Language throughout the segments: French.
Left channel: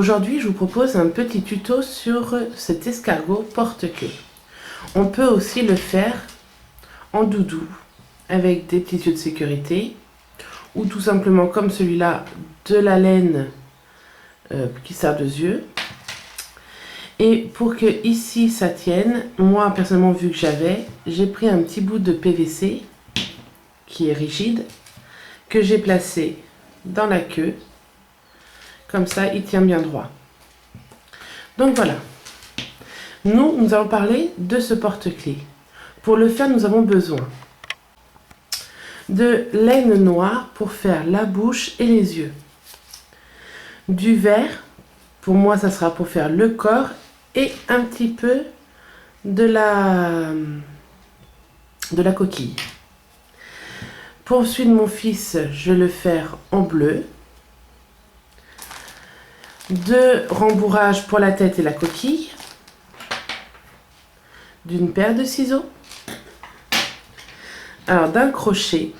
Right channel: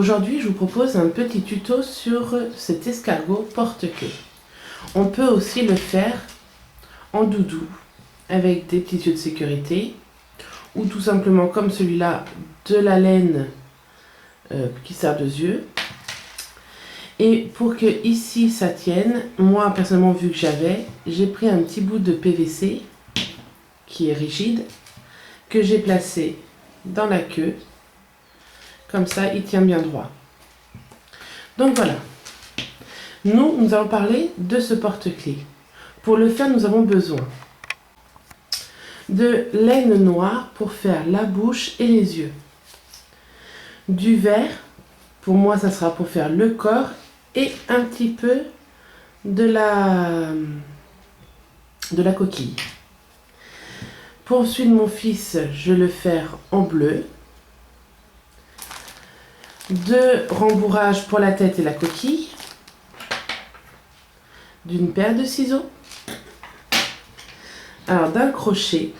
Aujourd'hui, je vous propose un petit tuto sur cet escargot porte-queue. On peut aussi le faire en doudou avec des petits yeux de sécurité ou tout simplement comme celui-là, de la laine qui sert de yeux. Et pour que ici ça tienne, moi personnellement vu que j'ai pris un petit bout de PVC qui est rigide que j'ai placé dans la queue. Comme ça, il tient bien droit. Donc voilà. Nous allons parler de ce porte-clés. Pour le faire, nous avons besoin de laine noire pour faire la bouche et les yeux. Du vert, pour moi, ça sera pour faire le corps et un petit peu de la coquille. Pour celui de mon fils, je vais le faire en bleu. De rembourrage pour la tête et la coquille. D'une paire de ciseaux. Alors d'un crochet,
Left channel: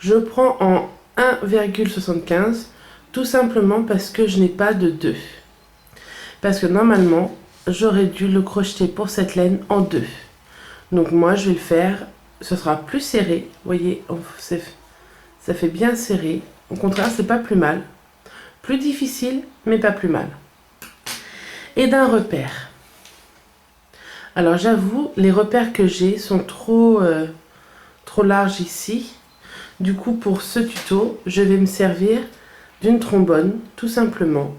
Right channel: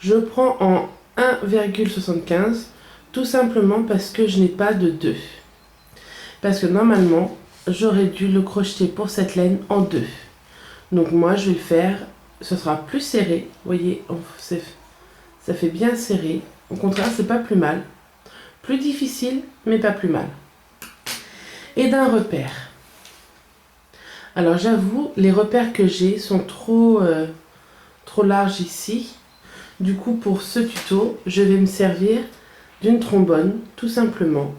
je prends en 1,75 tout simplement parce que je n'ai pas de 2. Parce que normalement, j'aurais dû le crocheter pour cette laine en 2. Donc moi, je vais le faire, ce sera plus serré. Vous voyez, ça fait bien serré. Au contraire, c'est pas plus mal. Plus difficile, mais pas plus mal. Et d'un repère. Alors j'avoue, les repères que j'ai sont trop larges ici. Du coup, pour ce tuto, je vais me servir d'une trombone, tout simplement,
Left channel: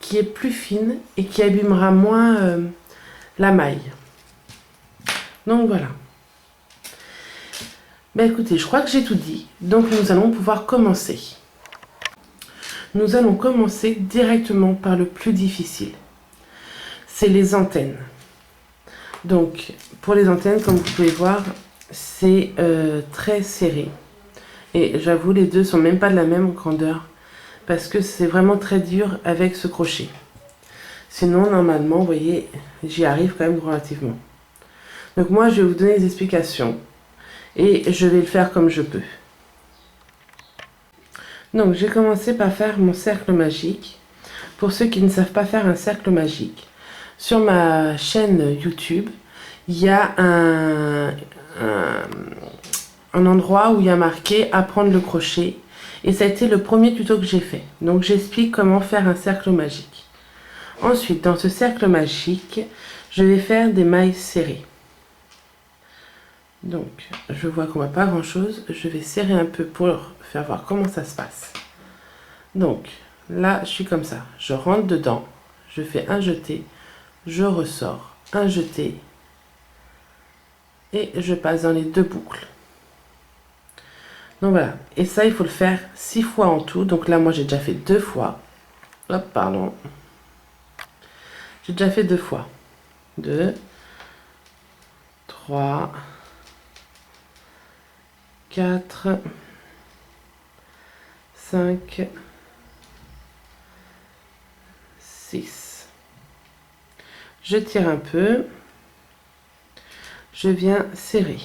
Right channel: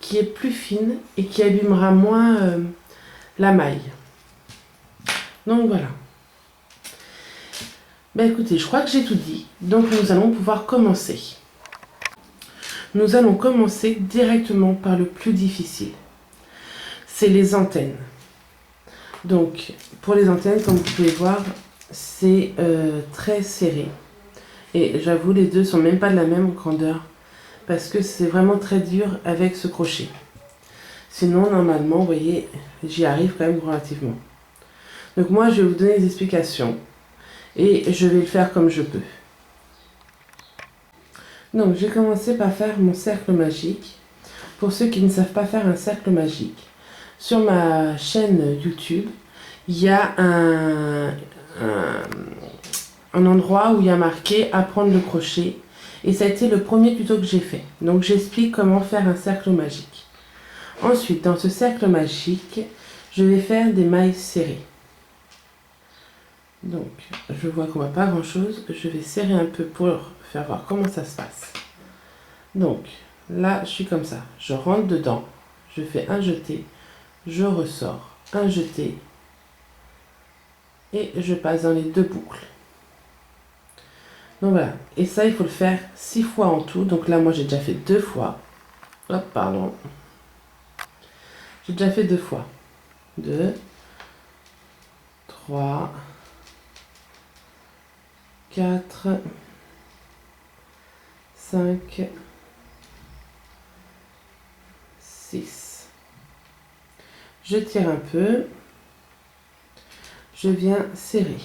qui est plus fine et qui abîmera moins la maille. Donc voilà. Ben écoutez, je crois que j'ai tout dit. Donc nous allons pouvoir commencer. Nous allons commencer directement par le plus difficile. C'est les antennes. Donc, pour les antennes, comme vous pouvez voir, c'est très serré. Et j'avoue, les deux sont même pas de la même grandeur. Parce que c'est vraiment très dur avec ce crochet. Sinon, normalement, vous voyez, j'y arrive quand même relativement. Donc moi, je vais vous donner des explications. Et je vais le faire comme je peux. Donc, j'ai commencé par faire mon cercle magique. Pour ceux qui ne savent pas faire un cercle magique, sur ma chaîne YouTube, il y a un endroit où il y a marqué apprendre le crochet. Et ça a été le premier tuto que j'ai fait. Donc, j'explique comment faire un cercle magique. Ensuite, dans ce cercle magique, je vais faire des mailles serrées. Donc, je vois qu'on ne voit pas grand chose. Je vais serrer un peu pour faire voir comment ça se passe. Donc, là, je suis comme ça. Je rentre dedans. Je fais un jeté. Je ressors. Un jeté. Et je passe dans les deux boucles. Donc voilà. Et ça, il faut le faire 6 fois en tout. Donc là, moi, j'ai déjà fait 2 fois. Hop, pardon. J'ai déjà fait 2 fois. 2, 3, 4, 5, 6. Je tire un peu. Je viens serrer.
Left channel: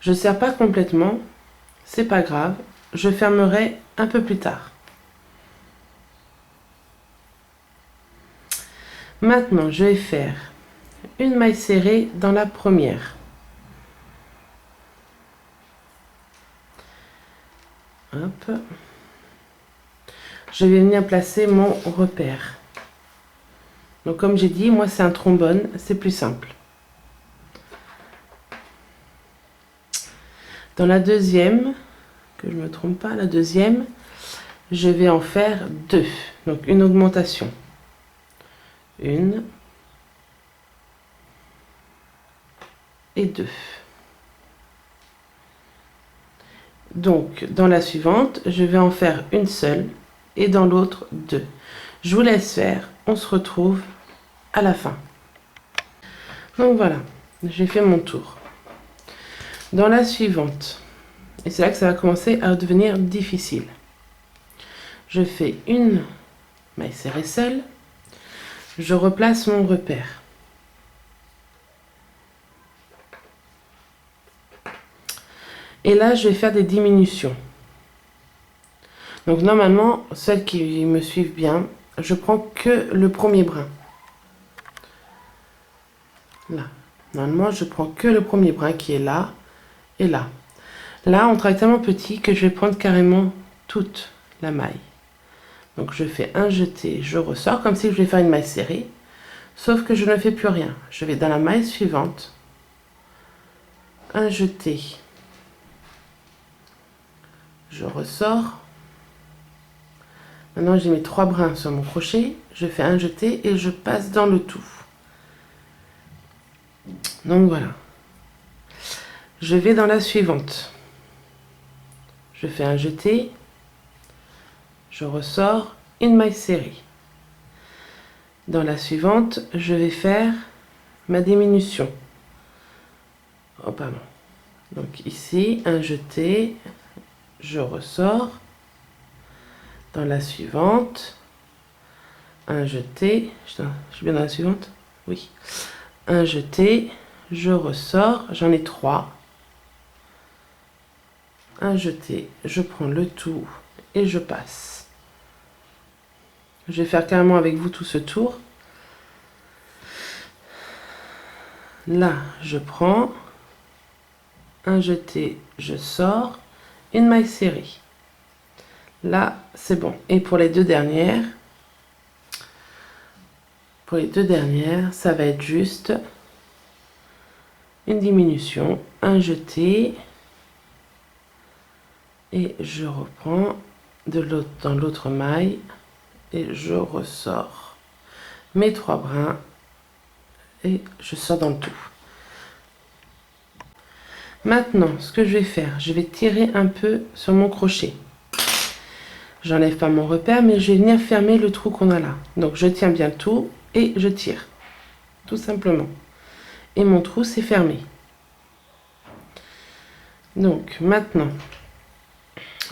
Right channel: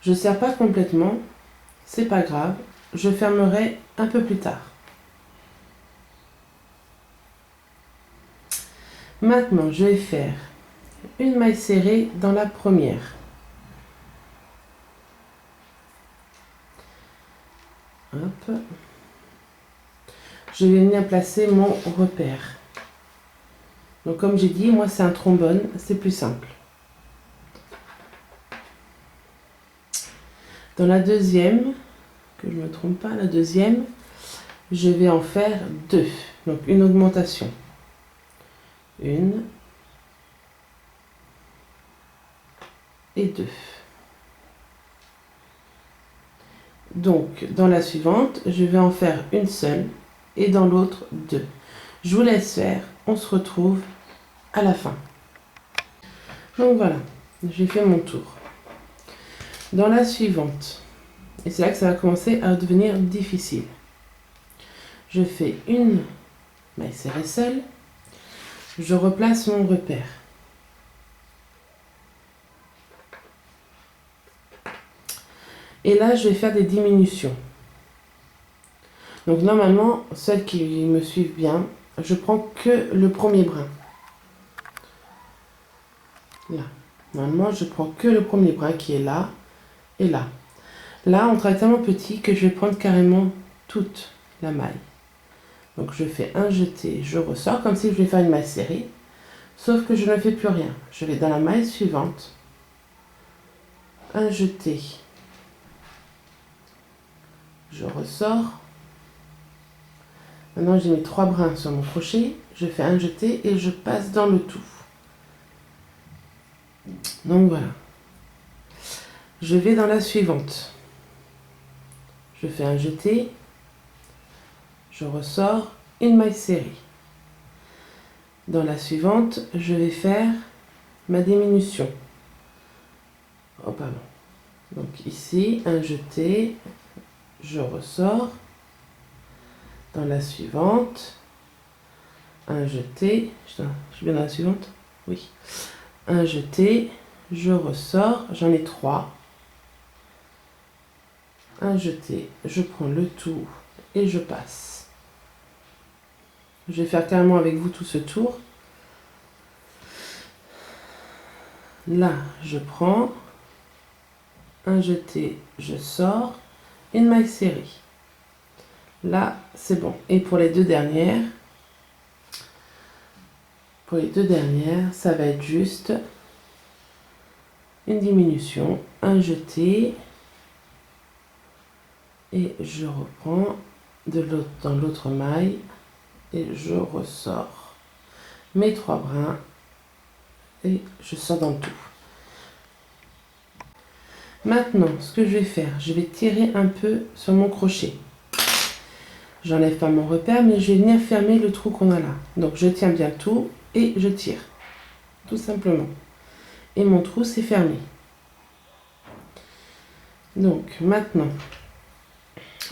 Je ne serre pas complètement. C'est pas grave. Je fermerai un peu plus tard. Maintenant, je vais faire une maille serrée dans la première. Hop. Je vais venir placer mon repère. Donc comme j'ai dit, moi c'est un trombone, c'est plus simple. Dans la deuxième, que je ne me trompe pas, la deuxième, je vais en faire 2. Donc une augmentation. 1 et 2. Donc dans la suivante, je vais en faire une seule et dans l'autre 2. Je vous laisse faire, on se retrouve à la fin. Donc voilà, j'ai fait mon tour. Dans la suivante, et c'est là que ça va commencer à devenir difficile. Je fais une maille serrée seule, je replace mon repère. Et là, je vais faire des diminutions. Donc normalement, celles qui me suivent bien, je prends que le premier brin. Là. Normalement, je prends que le premier brin qui est là et là. Là, on travaille tellement petit que je vais prendre carrément toute la maille. Donc je fais un jeté, je ressors comme si je vais faire une maille serrée. Sauf que je ne fais plus rien. Je vais dans la maille suivante. Un jeté. Je ressors. Maintenant, j'ai mes 3 brins sur mon crochet. Je fais un jeté et je passe dans le tout. Donc voilà. Je vais dans la suivante. Je fais un jeté. Je ressors une maille serrée. Dans la suivante, je vais faire ma diminution. Oh, pardon. Donc ici, un jeté, je ressors. Dans la suivante, un jeté, je suis bien dans la suivante? Oui. Un jeté, je ressors, j'en ai 3. Un jeté, je prends le tout et je passe. Je vais faire carrément avec vous tout ce tour. Là, je prends un jeté, je sors, une maille serrée. Là, c'est bon. Et pour les deux dernières, ça va être juste une diminution, un jeté, et je reprends dans l'autre maille et je ressors mes 3 brins et je sors dans le tout. Maintenant, ce que je vais faire, je vais tirer un peu sur mon crochet. J'enlève pas mon repère, mais je vais venir fermer le trou qu'on a là. Donc je tiens bien tout et je tire, tout simplement. Et mon trou s'est fermé. Donc maintenant,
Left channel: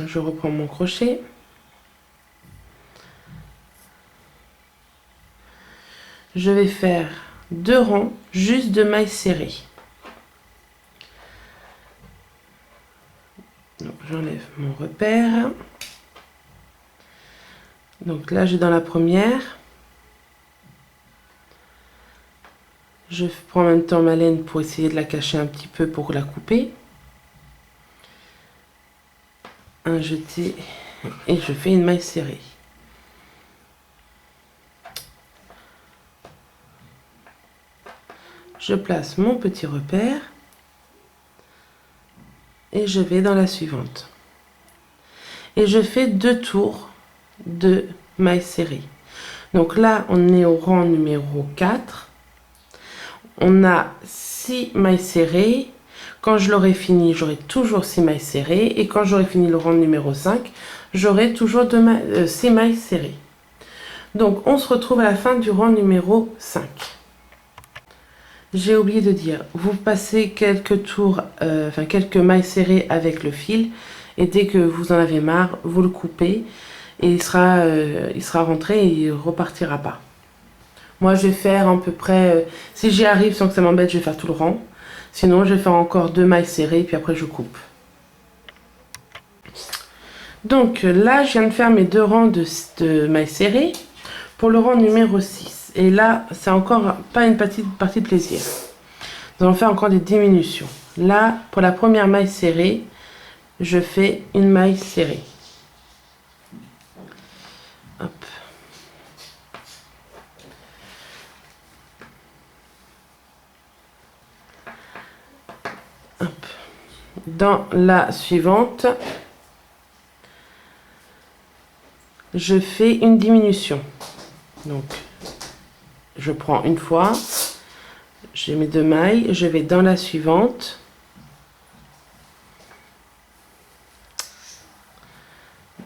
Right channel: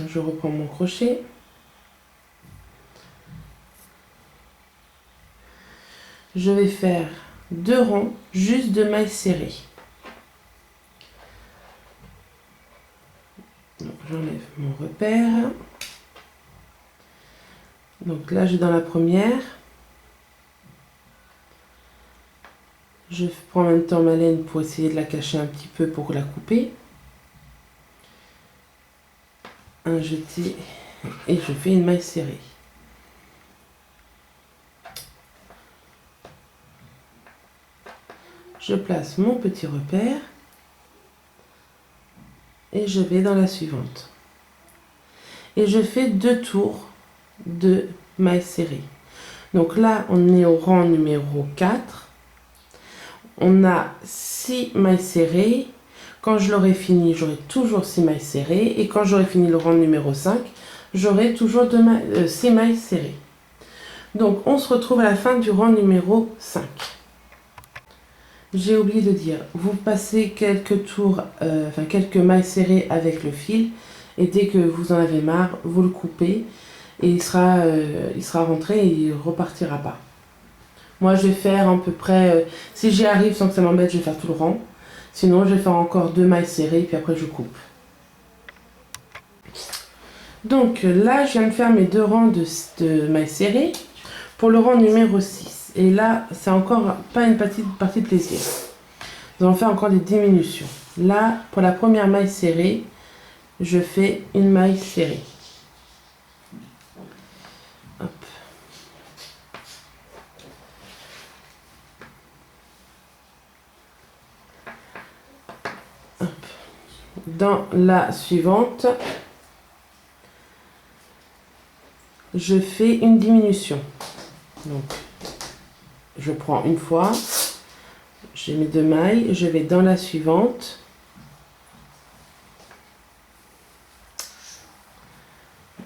je reprends mon crochet. Je vais faire 2 rangs juste de mailles serrées. Donc j'enlève mon repère. Donc là, j'ai dans la première. Je prends en même temps ma laine pour essayer de la cacher un petit peu pour la couper. Un jeté et je fais une maille serrée. Je place mon petit repère et je vais dans la suivante. Et je fais 2 tours de mailles serrées. Donc là, on est au rang numéro 4. On a 6 mailles serrées. Quand je l'aurai fini, j'aurai toujours 6 mailles serrées. Et quand j'aurai fini le rang numéro 5, j'aurai toujours 6 mailles serrées. Donc, on se retrouve à la fin du rang numéro 5. J'ai oublié de dire, vous passez quelques tours, quelques mailles serrées avec le fil. Et dès que vous en avez marre, vous le coupez. Et il sera rentré et il ne repartira pas. Moi, je vais faire à peu près, si j'y arrive sans que ça m'embête, je vais faire tout le rang. Sinon, je vais faire encore 2 mailles serrées, puis après, je coupe. Donc là, je viens de faire mes 2 rangs de mailles serrées pour le rang numéro 6. Et là, c'est encore pas une partie de plaisir. Nous allons faire encore des diminutions. Là, pour la première maille serrée, je fais une maille serrée. Hop. Hop. Dans la suivante, je fais une diminution. Donc, je prends une fois, j'ai mes 2 mailles, je vais dans la suivante.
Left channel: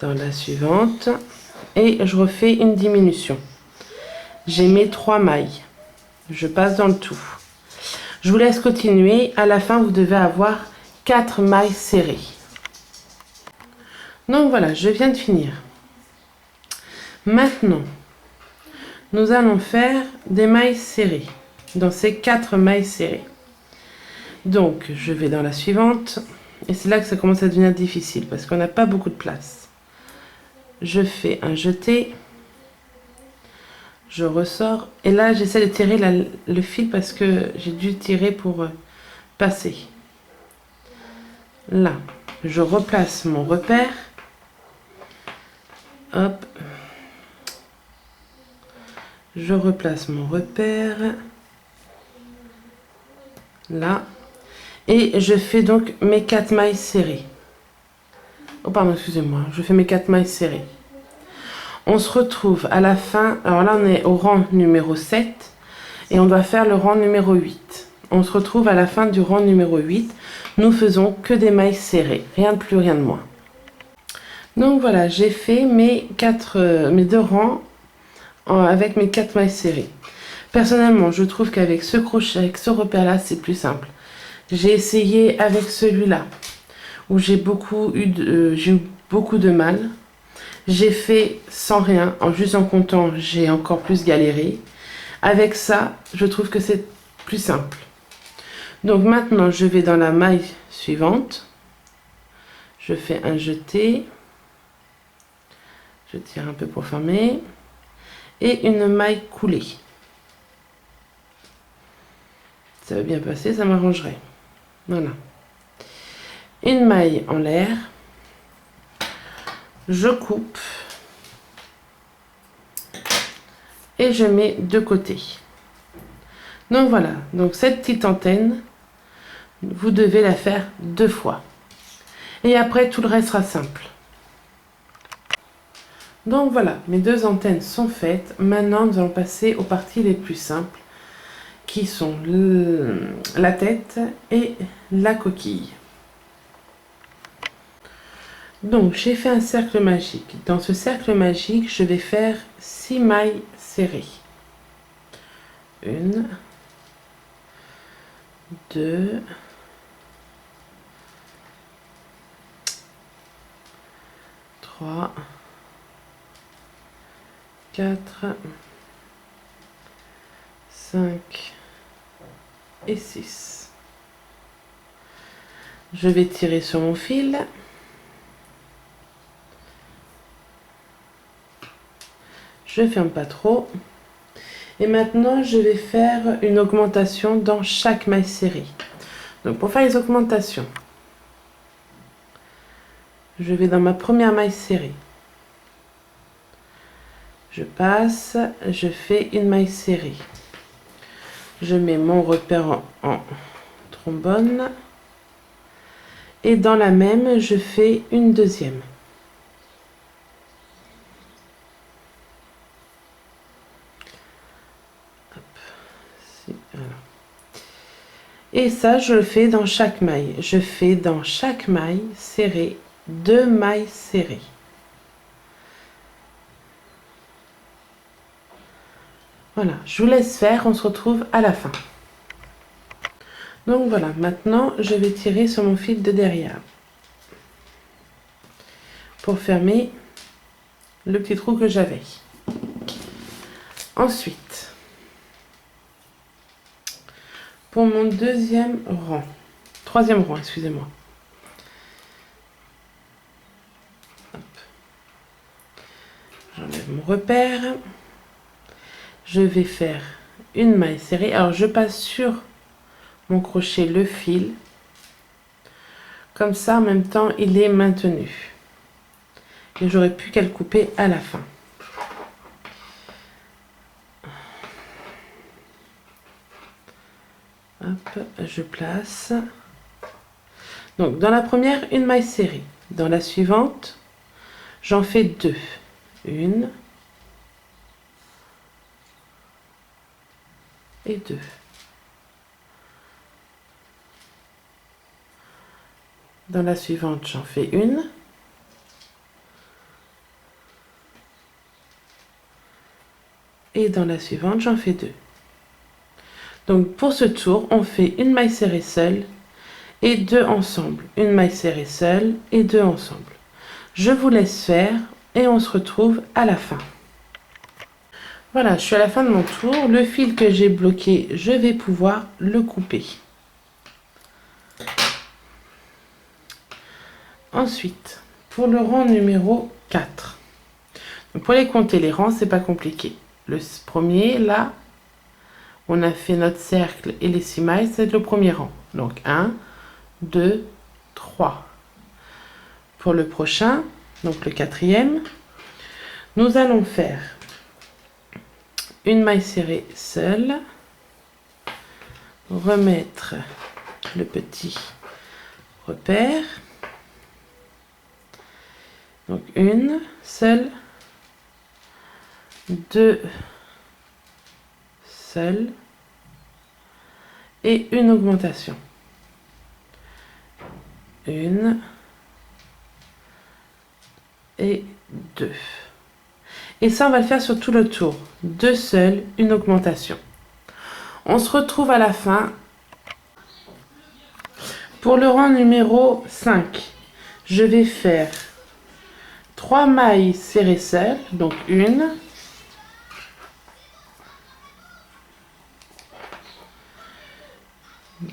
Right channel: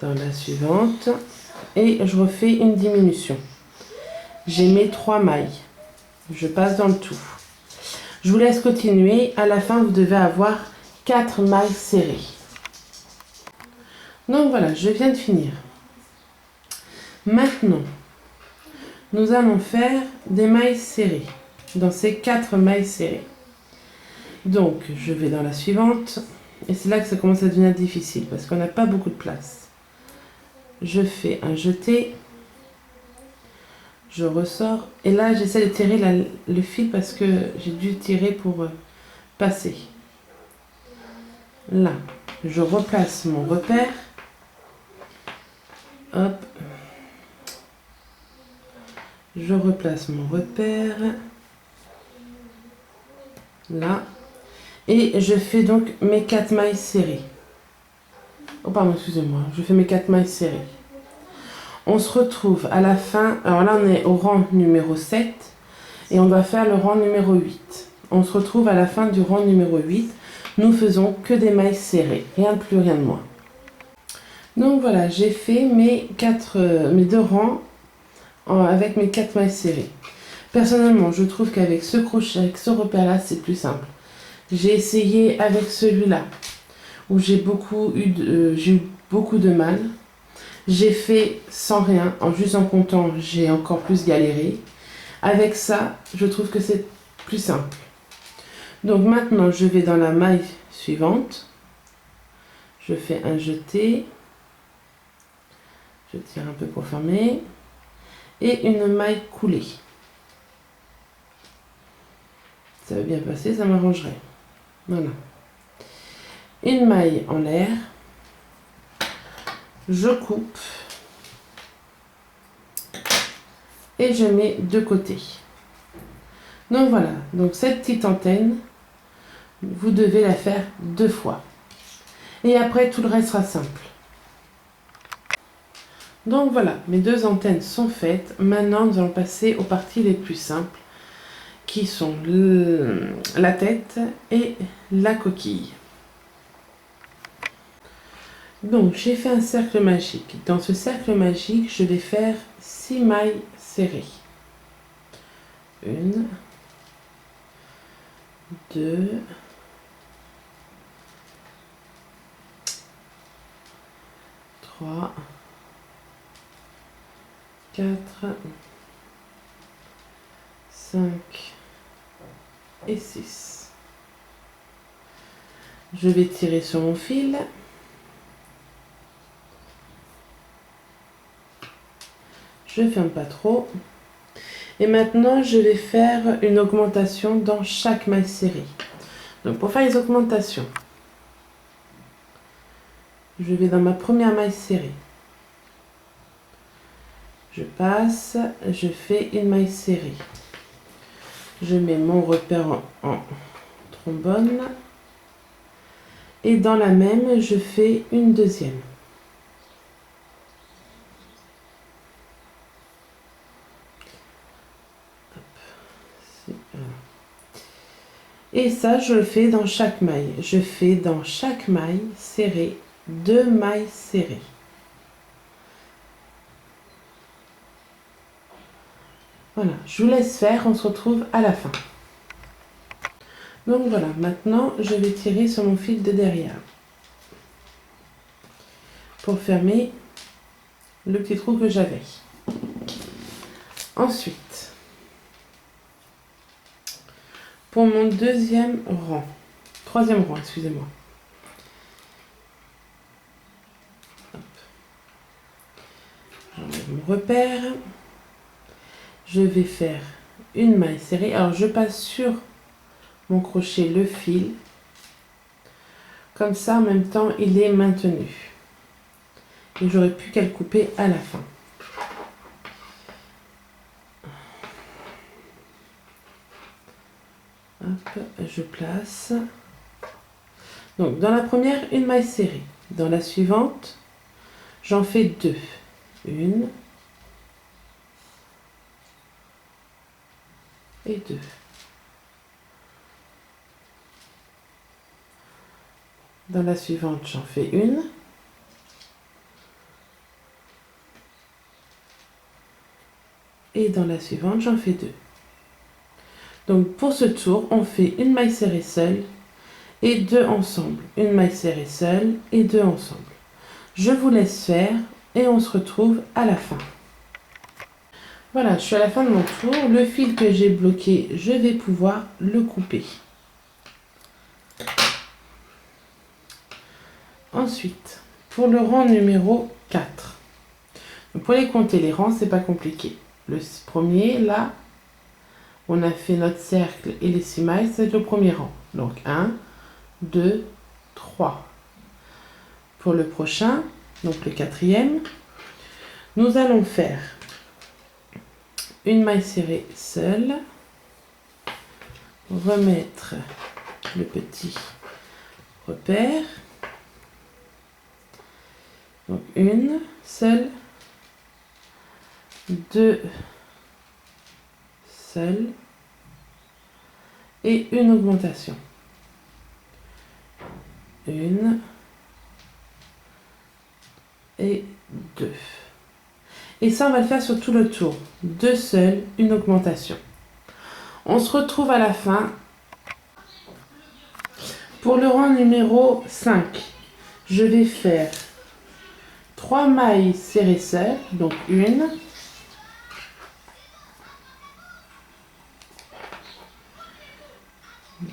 Dans la suivante. Et je refais une diminution. J'ai mes 3 mailles. Je passe dans le tout. Je vous laisse continuer. À la fin, vous devez avoir 4 mailles serrées. Donc voilà, je viens de finir. Maintenant, nous allons faire des mailles serrées. Dans ces 4 mailles serrées. Donc, je vais dans la suivante. Et c'est là que ça commence à devenir difficile. Parce qu'on n'a pas beaucoup de place. je fais un jeté, je ressors et là j'essaie de tirer le fil parce que j'ai dû tirer pour passer. Là, je replace mon repère, hop, je replace mon repère, là, et je fais donc mes 4 mailles serrées. Oh pardon, excusez-moi, je fais mes 4 mailles serrées. On se retrouve à la fin, alors là on est au rang numéro 7 et on doit faire le rang numéro 8. On se retrouve à la fin du rang numéro 8. Nous faisons que des mailles serrées, rien de plus, rien de moins. Donc voilà, j'ai fait mes 2 rangs avec mes 4 mailles serrées. Personnellement, je trouve qu'avec ce crochet, avec ce repère-là, c'est plus simple. J'ai essayé avec celui-là, où j'ai eu beaucoup de mal. J'ai fait sans rien, juste en comptant, j'ai encore plus galéré. Avec ça, je trouve que c'est plus simple. Donc maintenant, je vais dans la maille suivante. Je fais un jeté. Je tire un peu pour fermer. Et une maille coulée. Ça va bien passer, ça m'arrangerait. Voilà. Une maille en l'air. Je coupe. Et je mets de côté. Donc voilà, donc cette petite antenne, vous devez la faire 2 fois. Et après, tout le reste sera simple. Donc voilà, mes 2 antennes sont faites. Maintenant, nous allons passer aux parties les plus simples, qui sont la tête et la coquille. Donc, j'ai fait un cercle magique. Dans ce cercle magique, je vais faire 6 mailles serrées. 1, 2, 3, 4, 5 et 6. Je vais tirer sur mon fil. Je ferme pas trop. Et maintenant, je vais faire une augmentation dans chaque maille serrée. Donc, pour faire les augmentations, je vais dans ma première maille serrée. Je passe, je fais une maille serrée. Je mets mon repère en trombone. Et dans la même, je fais une deuxième. Et ça, je le fais dans chaque maille. Je fais dans chaque maille serrée 2 mailles serrées. Voilà, je vous laisse faire, on se retrouve à la fin. Donc voilà, maintenant je vais tirer sur mon fil de derrière pour fermer le petit trou que j'avais. Ensuite, pour mon troisième rang, excusez-moi. J'enlève mon repère. Je vais faire une maille serrée. Alors je passe sur mon crochet le fil. Comme ça, en même temps, il est maintenu. Et j'aurais pu qu'à le couper à la fin. Hop, je place. Donc, dans la première, une maille serrée. Dans la suivante, j'en fais 2. 1 et 2. Dans la suivante, j'en fais 1. Et dans la suivante, j'en fais 2. Donc pour ce tour, on fait une maille serrée seule et 2 ensemble. Une maille serrée seule et 2 ensemble. Je vous laisse faire et on se retrouve à la fin. Voilà, je suis à la fin de mon tour. Le fil que j'ai bloqué, je vais pouvoir le couper. Ensuite, pour le rang numéro 4, Pour les compter les rangs, c'est pas compliqué. Le premier, là, on a fait notre cercle et les 6 mailles, c'est le premier rang. Donc 1, 2, 3. Pour le prochain, donc le quatrième, nous allons faire une maille serrée seule, remettre le petit repère, donc une seule, 2 seules et une augmentation. Une et 2. Et ça, on va le faire sur tout le tour. 2 seules, une augmentation. On se retrouve à la fin pour le rang numéro 5. Je vais faire 3 mailles serrées seules, donc une,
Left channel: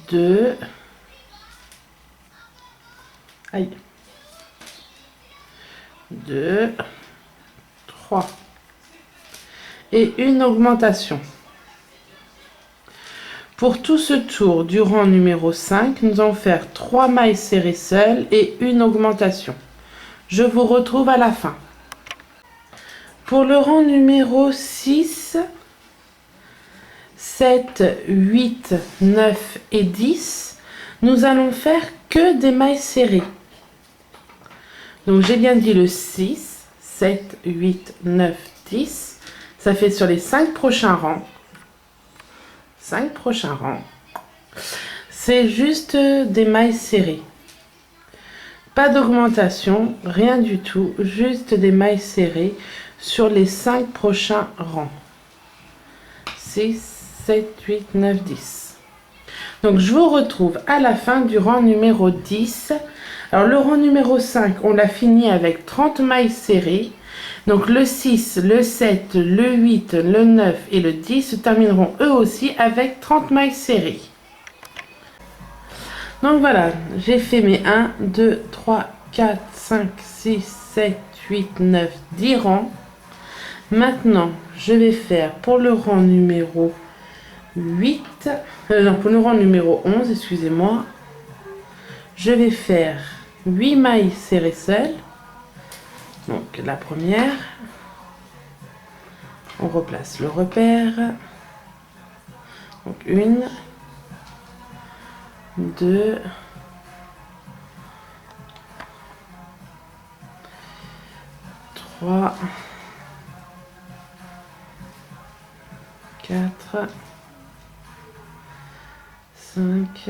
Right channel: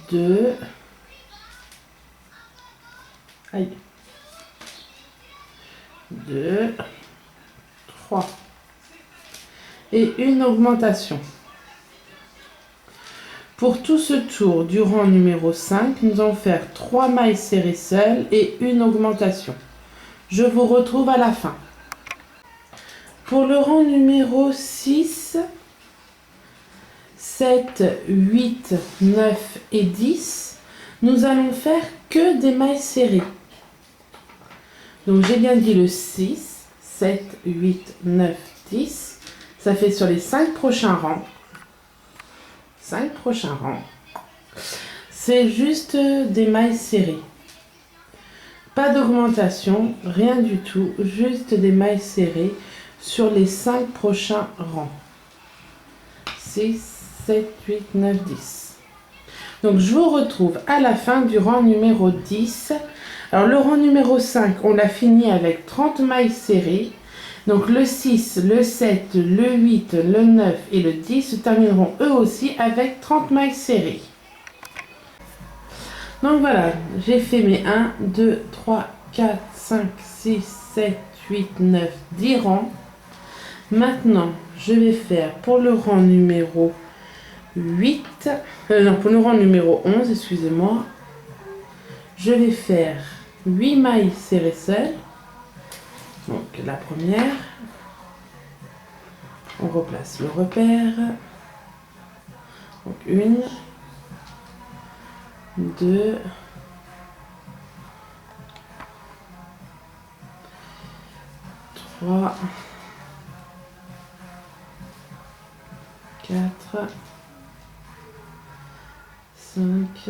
deux, aïe, 2, 3 et une augmentation. Pour tout ce tour du rang numéro 5, nous allons faire 3 mailles serrées seules et une augmentation. Je vous retrouve à la fin. Pour le rang numéro 6, 7, 8, 9 et 10, nous allons faire que des mailles serrées. Donc j'ai bien dit le 6, 7, 8, 9, 10. Ça fait sur les 5 prochains rangs. 5 prochains rangs. C'est juste des mailles serrées. Pas d'augmentation, rien du tout. Juste des mailles serrées sur les 5 prochains rangs. 6, 7, 8, 9, 10. Donc je vous retrouve à la fin du rang numéro 10. Alors le rang numéro 5, on l'a fini avec 30 mailles serrées. Donc le 6, le 7, le 8, le 9 et le 10 se termineront eux aussi avec 30 mailles serrées. Donc voilà, j'ai fait mes 1, 2, 3, 4, 5, 6, 7, 8, 9, 10 rangs. Maintenant, je vais faire pour le rang numéro 8, non, pour le rang numéro 11, excusez-moi, je vais faire 8 mailles serrées seules. Donc la première, on replace le repère. Donc 1, 2, 3, 4, 5,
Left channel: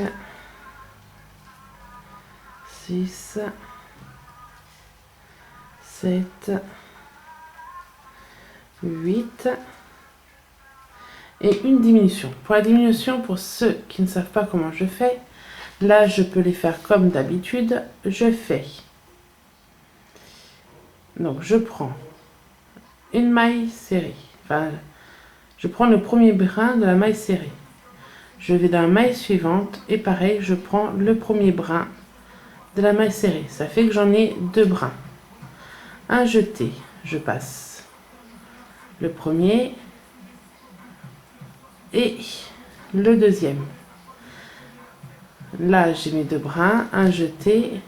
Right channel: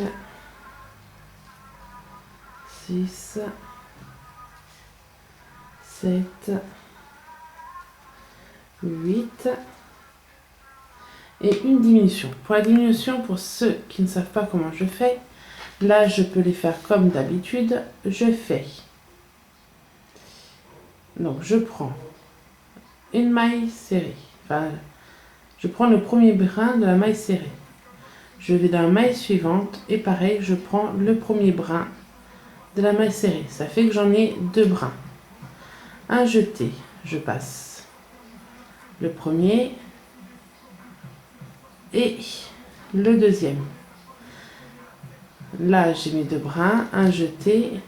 6, 7, 8 et une diminution. Pour la diminution, pour ceux qui ne savent pas comment je fais, là je peux les faire comme d'habitude. Je fais, donc je prends une maille serrée, enfin je prends le premier brin de la maille serrée, je vais dans la maille suivante et pareil je prends le premier brin de la maille serrée. Ça fait que j'en ai 2 brins. Un jeté, je passe le premier et le deuxième. Là j'ai mes 2 brins, un jeté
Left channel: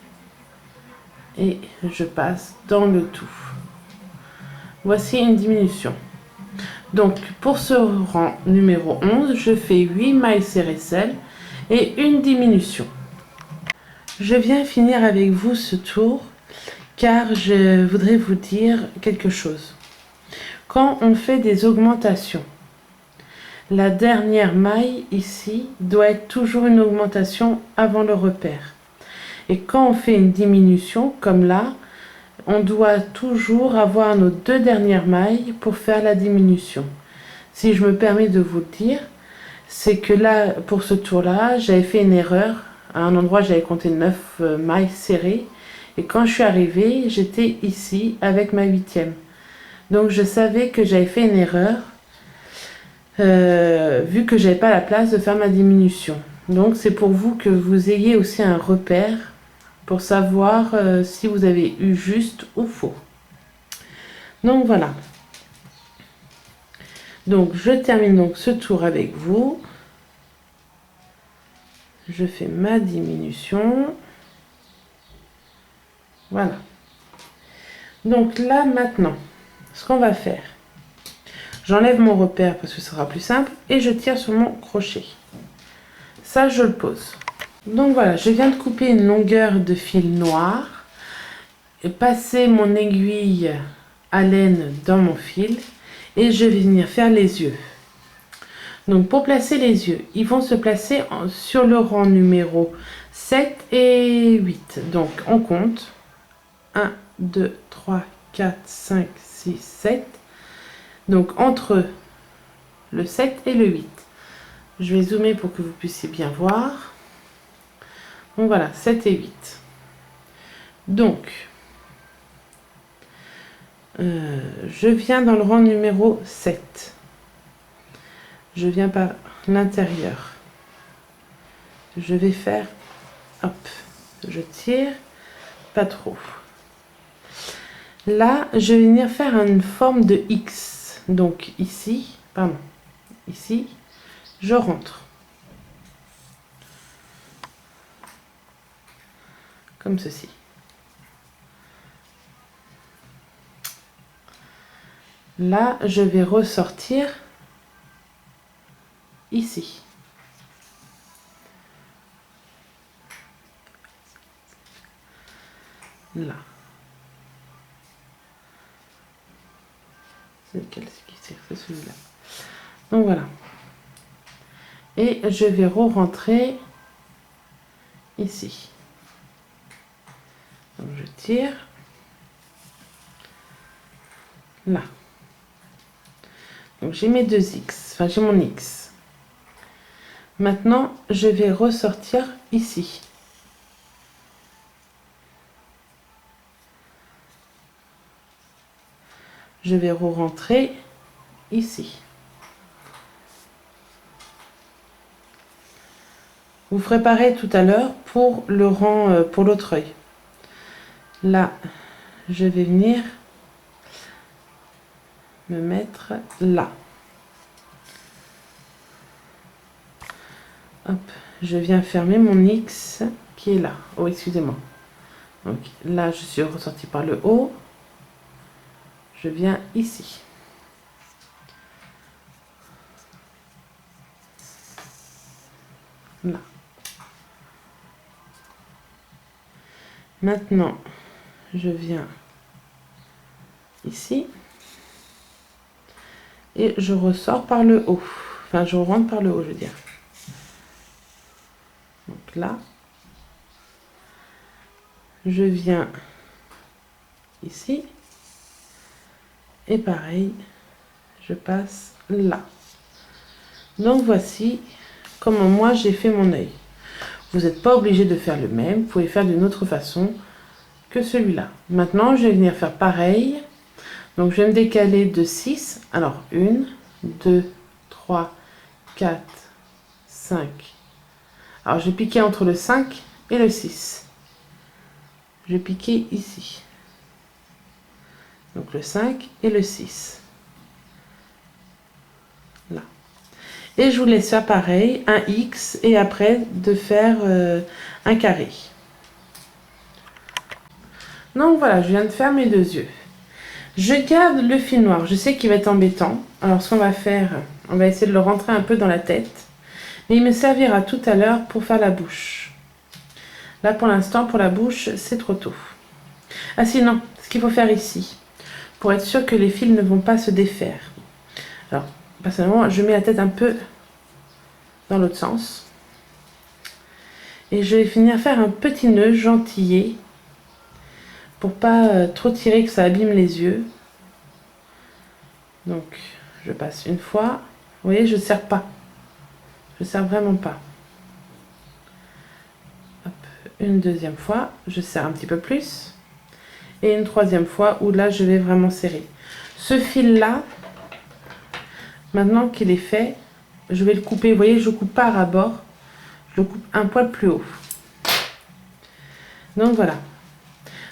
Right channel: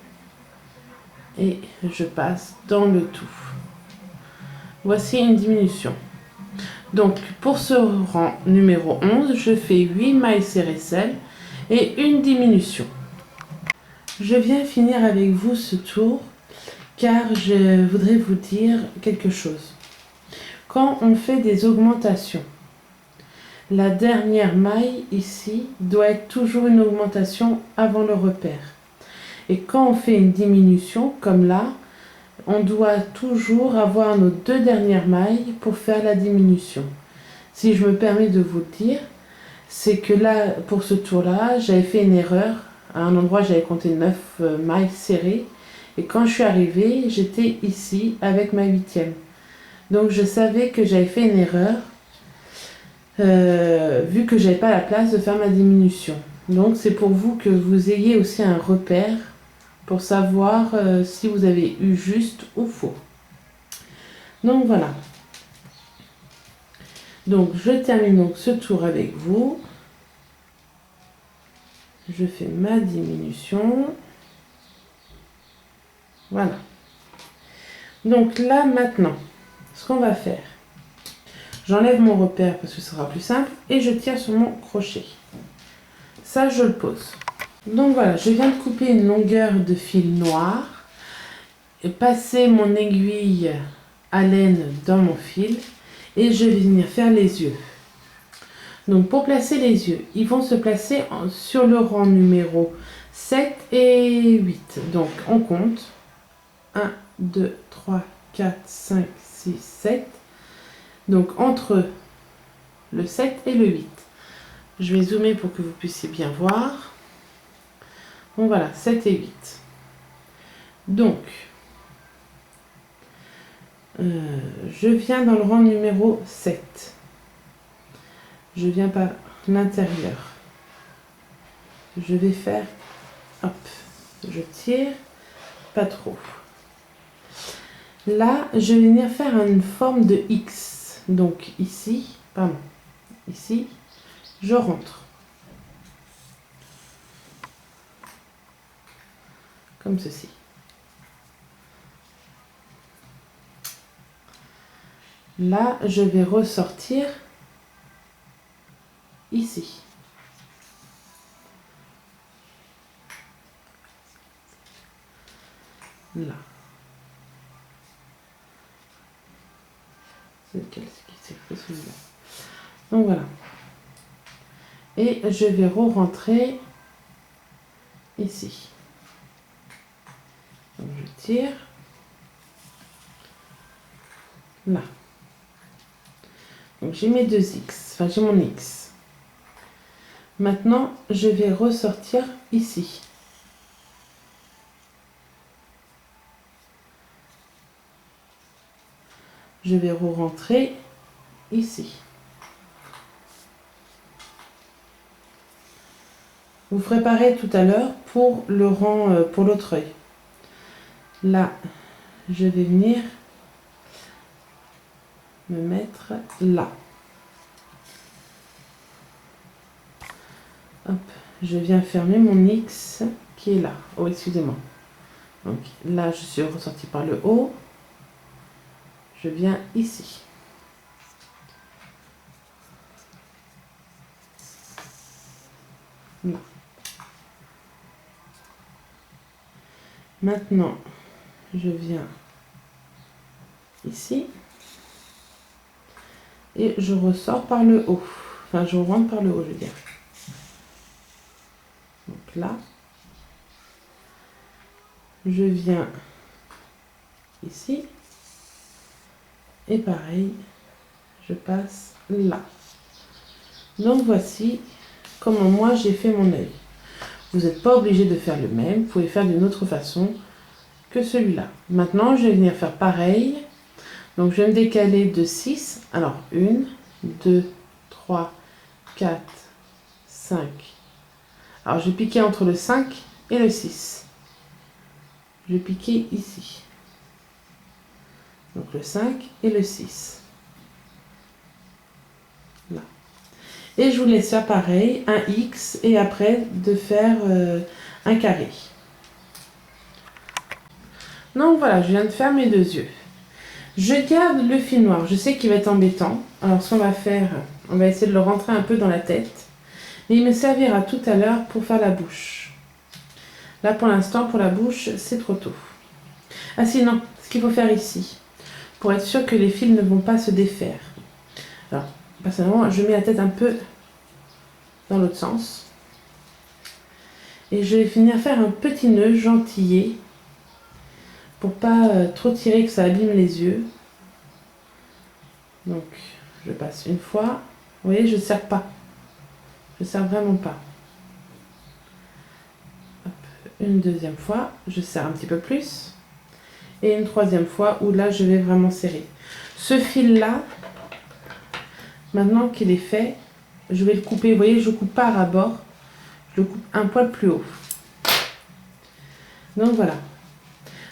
et je passe dans le tout. Voici une diminution. Donc pour ce rang numéro 11, je fais 8 mailles serrées seules et une diminution. Je viens finir avec vous ce tour car je voudrais vous dire quelque chose. Quand on fait des augmentations, la dernière maille ici doit être toujours une augmentation avant le repère. Et quand on fait une diminution comme là, on doit toujours avoir nos 2 dernières mailles pour faire la diminution. Si je me permets de vous le dire, c'est que là, pour ce tour-là, j'avais fait une erreur. À un endroit, j'avais compté 9 mailles serrées. Et quand je suis arrivée, j'étais ici avec ma 8e. Donc je savais que j'avais fait une erreur, vu que j'avais pas la place de faire ma diminution. Donc c'est pour vous que vous ayez aussi un repère pour savoir si vous avez eu juste ou faux. Donc voilà. Donc je termine donc ce tour avec vous. Je fais ma diminution. Voilà. Donc là maintenant, ce qu'on va faire, j'enlève mon repère parce que ce sera plus simple et je tire sur mon crochet. Ça, je le pose. Donc voilà, je viens de couper une longueur de fil noir et passer mon aiguille à laine dans mon fil et je vais venir faire les yeux. Donc pour placer les yeux, ils vont se placer sur le rang numéro 7 et 8. Donc on compte 1, 2, 3, 4, 5, 6, 7. Donc entre le 7 et le 8. Je vais zoomer pour que vous puissiez bien voir. Donc voilà, 7 et 8. Donc, je viens dans le rang numéro 7. Je viens par l'intérieur. Je vais faire, hop, je tire, pas trop. Là, je vais venir faire une forme de X. Donc ici, pardon, ici, je rentre. Comme ceci. Là, je vais ressortir ici. Là. C'est lequel qui s'est fait, celui-là. Donc voilà. Et je vais re-rentrer ici. Donc je tire. Là. Donc j'ai mes deux X. Enfin, j'ai mon X. Maintenant, je vais ressortir ici. Je vais re-rentrer ici. Vous ferez pareil tout à l'heure pour le rang, pour l'autre œil. Là, je vais venir me mettre là. Hop, je viens fermer mon X qui est là. Oh, excusez-moi. Donc là, je suis ressortie par le haut. Je viens ici. Là. Maintenant, je viens ici. Et je ressors par le haut. Enfin, je rentre par le haut, je veux dire. Donc là. Je viens ici. Et pareil, je passe là. Donc voici comment moi j'ai fait mon œil. Vous n'êtes pas obligé de faire le même. Vous pouvez faire d'une autre façon que celui-là. Maintenant, je vais venir faire pareil. Donc je vais me décaler de 6. Alors 1, 2, 3, 4, 5. Alors je vais piquer entre le 5 et le 6. Je vais piquer ici. Donc le 5 et le 6. Là. Et je vous laisse faire pareil, un X et après de faire un carré. Donc voilà, je viens de faire mes deux yeux. Je garde le fil noir, je sais qu'il va être embêtant. Alors ce qu'on va faire, on va essayer de le rentrer un peu dans la tête. Mais il me servira tout à l'heure pour faire la bouche. Là pour l'instant, pour la bouche, c'est trop tôt. Ah sinon, ce qu'il faut faire ici, pour être sûr que les fils ne vont pas se défaire. Alors, personnellement, je mets la tête un peu dans l'autre sens. Et je vais finir faire un petit nœud gentillet pour pas trop tirer que ça abîme les yeux. Donc, je passe une fois. Vous voyez, je ne serre pas. Je ne serre vraiment pas. Hop, une deuxième fois, je serre un petit peu plus. Et une troisième fois où là, je vais vraiment serrer. Ce fil-là, maintenant qu'il est fait, je vais le couper. Vous voyez, je ne coupe pas à ras-bord. Je le coupe un poil plus haut. Donc, voilà.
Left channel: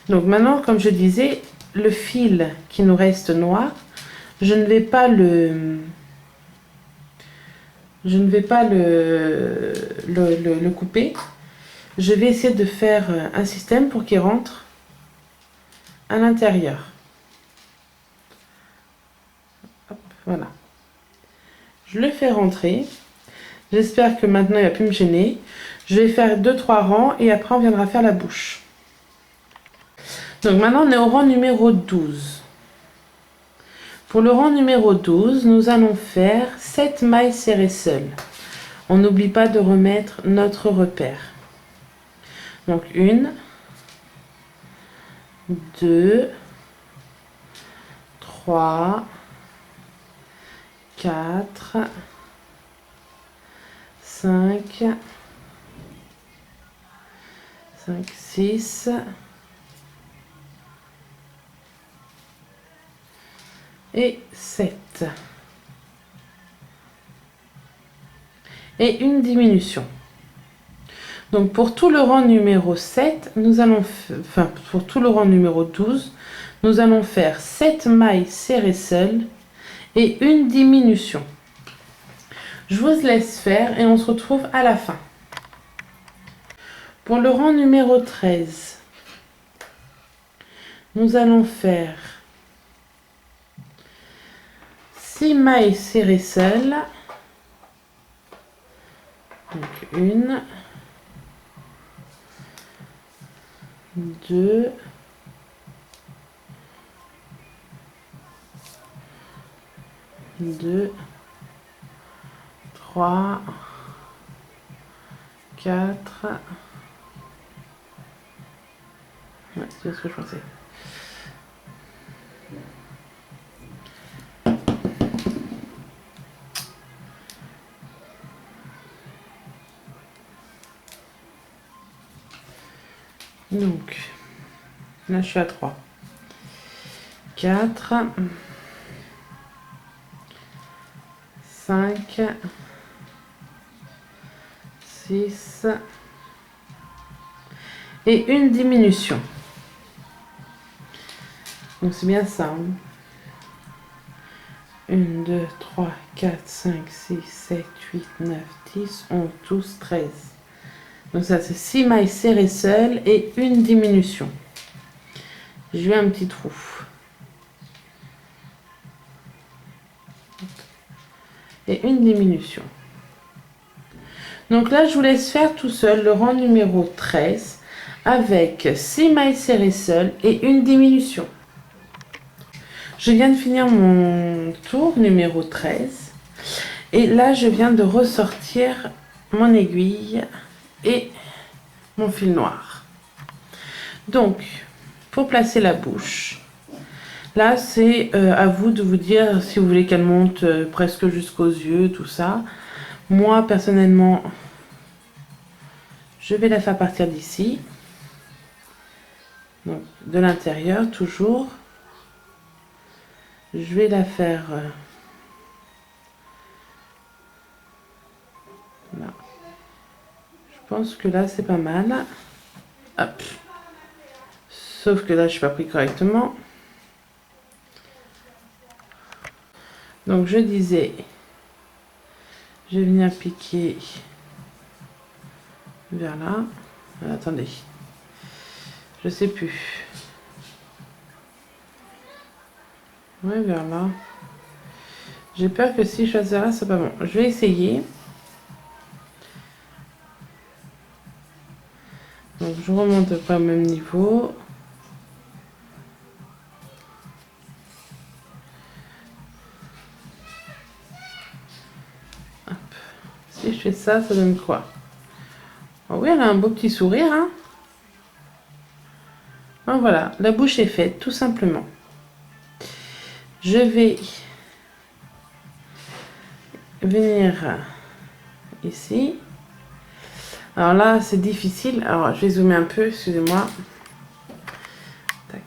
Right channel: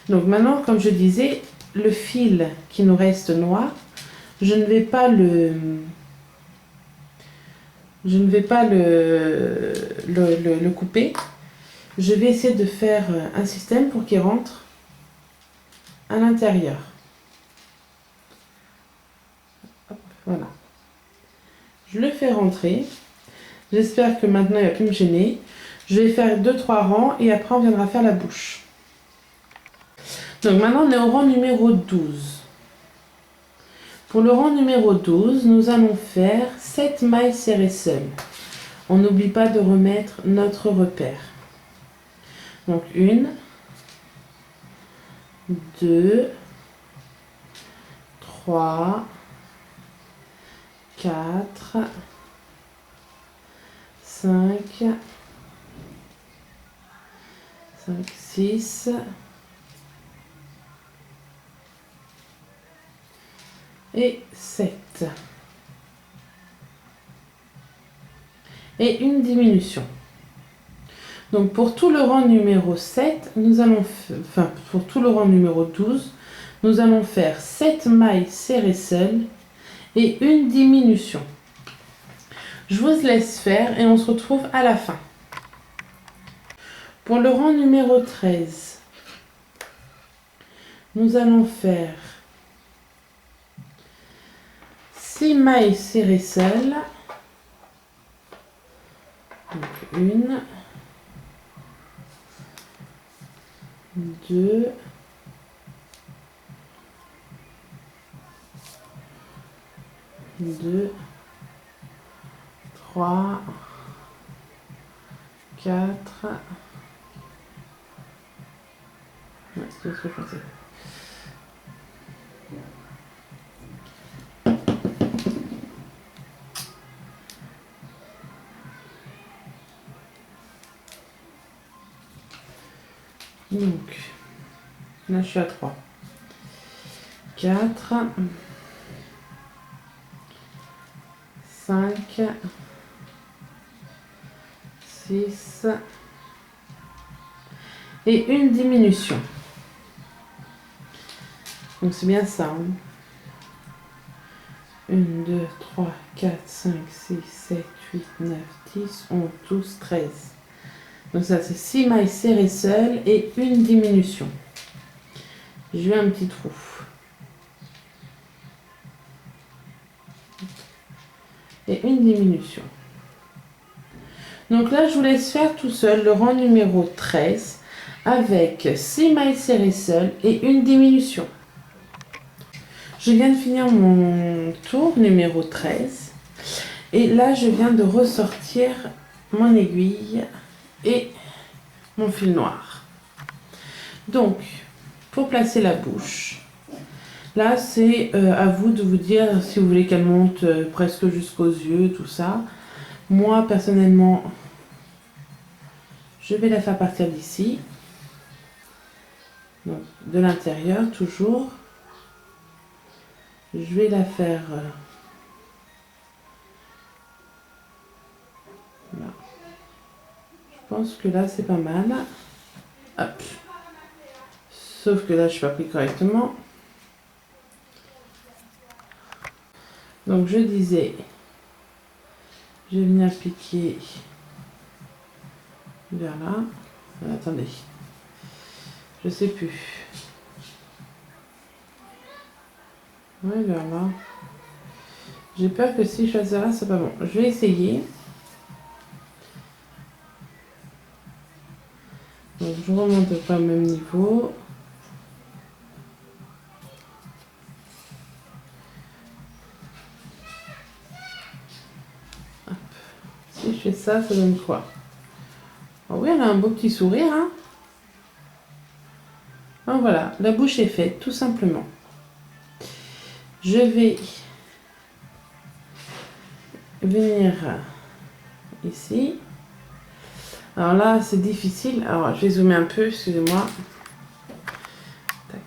Donc, maintenant, comme je disais, le fil qui nous reste noir, je ne vais pas le couper. Je vais essayer de faire un système pour qu'il rentre à l'intérieur. Voilà. Je le fais rentrer. J'espère que maintenant il ne va plus me gêner. Je vais faire 2-3 rangs et après on viendra faire la bouche. Donc maintenant on est au rang numéro 12. Pour le rang numéro 12, nous allons faire 7 mailles serrées seules. On n'oublie pas de remettre notre repère. Donc 1, 2, 3, 4, 5, 6, et 7. Et une diminution. Donc pour tout le rang numéro 7, nous allons pour tout le rang numéro 12, nous allons faire 7 mailles serrées seules et une diminution. Je vous laisse faire et on se retrouve à la fin. Pour le rang numéro 13, nous allons faire 6 mailles serrées seules. Donc 1, 2, 3, 4. Ouais, c'est ce que je pensais. Donc, là je suis à 3. 4, 5, 6 et une diminution. Donc c'est bien ça. 1, 2, 3, 4, 5, 6, 7, 8, 9, 10, 11, 12, 13. Donc ça c'est 6 mailles serrées seules et une diminution. Je vais un petit trou. Et une diminution. Donc là je vous laisse faire tout seul le rang numéro 13 avec 6 mailles serrées seules et une diminution. Je viens de finir mon tour numéro 13 et là je viens de ressortir mon aiguille et mon fil noir. Donc pour placer la bouche, là c'est à vous de vous dire si vous voulez qu'elle monte presque jusqu'aux yeux, tout ça. Moi personnellement je vais la faire partir d'ici, donc de l'intérieur toujours. Je vais la faire là. Je pense que là c'est pas mal. Hop. Sauf que là je suis pas pris correctement. Donc je disais, je vais venir piquer vers là. Attendez, je sais plus. Ouais, vers là. J'ai peur que si je choisis là, c'est pas bon. Je vais essayer. Donc je remonte pas au même niveau. Hop. Si je fais ça, ça donne quoi? Oh oui, elle a un beau petit sourire, hein. Donc voilà, la bouche est faite, tout simplement. Je vais venir ici. Alors là, c'est difficile. Alors, je vais zoomer un peu, excusez-moi. Tac.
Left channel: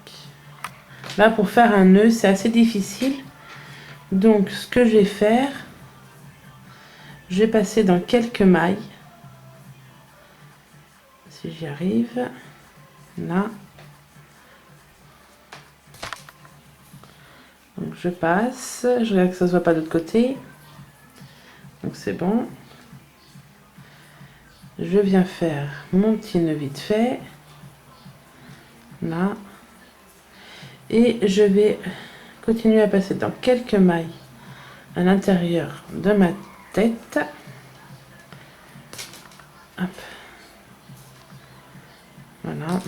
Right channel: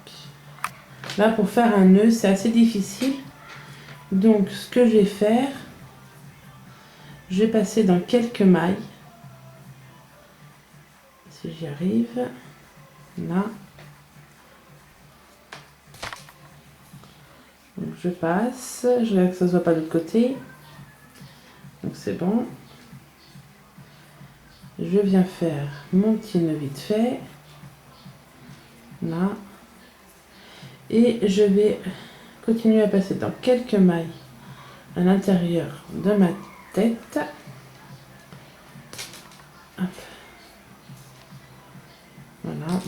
Là, pour faire un nœud, c'est assez difficile. Donc, ce que je vais faire, je vais passer dans quelques mailles. Si j'y arrive. Là. Donc je passe, je regarde que ça ne soit pas de l'autre côté. Donc c'est bon. Je viens faire mon petit nœud vite fait. Là. Et je vais continuer à passer dans quelques mailles à l'intérieur de ma tête. Hop. Voilà.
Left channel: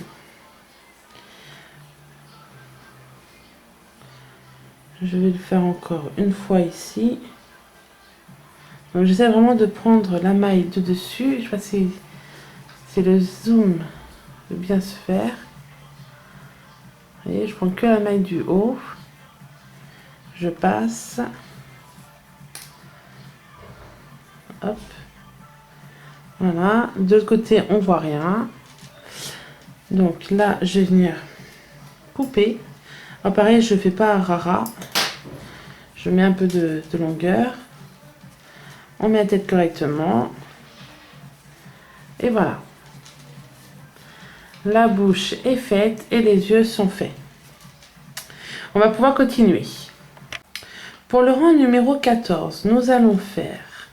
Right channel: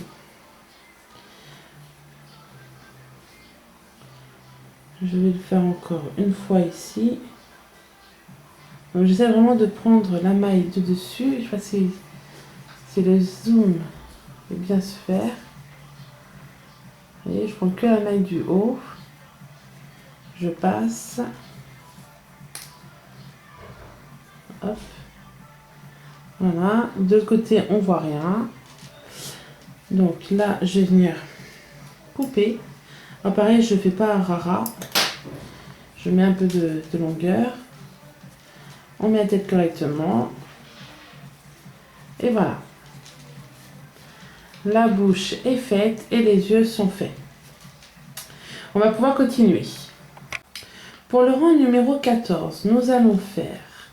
Je vais le faire encore une fois ici. Donc j'essaie vraiment de prendre la maille de dessus. Je sais pas si le zoom veut bien se faire. Vous voyez, je prends que la maille du haut. Je passe. Hop. Voilà. De l'autre côté, on voit rien. Donc là, je vais venir couper. Alors pareil, je ne fais pas un rara. Je mets un peu de longueur. On met la tête correctement. Et voilà. La bouche est faite et les yeux sont faits. On va pouvoir continuer. Pour le rang numéro 14, nous allons faire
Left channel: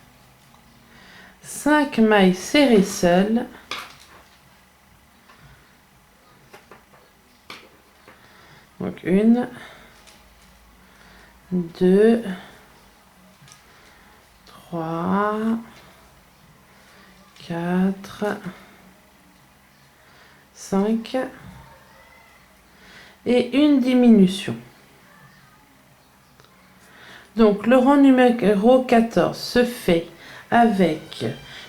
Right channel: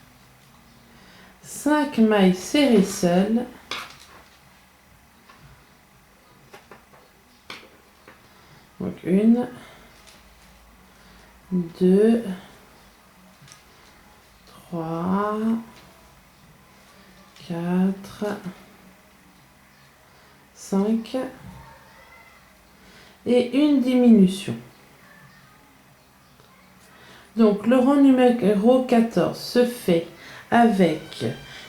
5 mailles serrées seules. Donc 1, 2, 3, 4, 5 et une diminution. Donc le rang numéro 14 se fait avec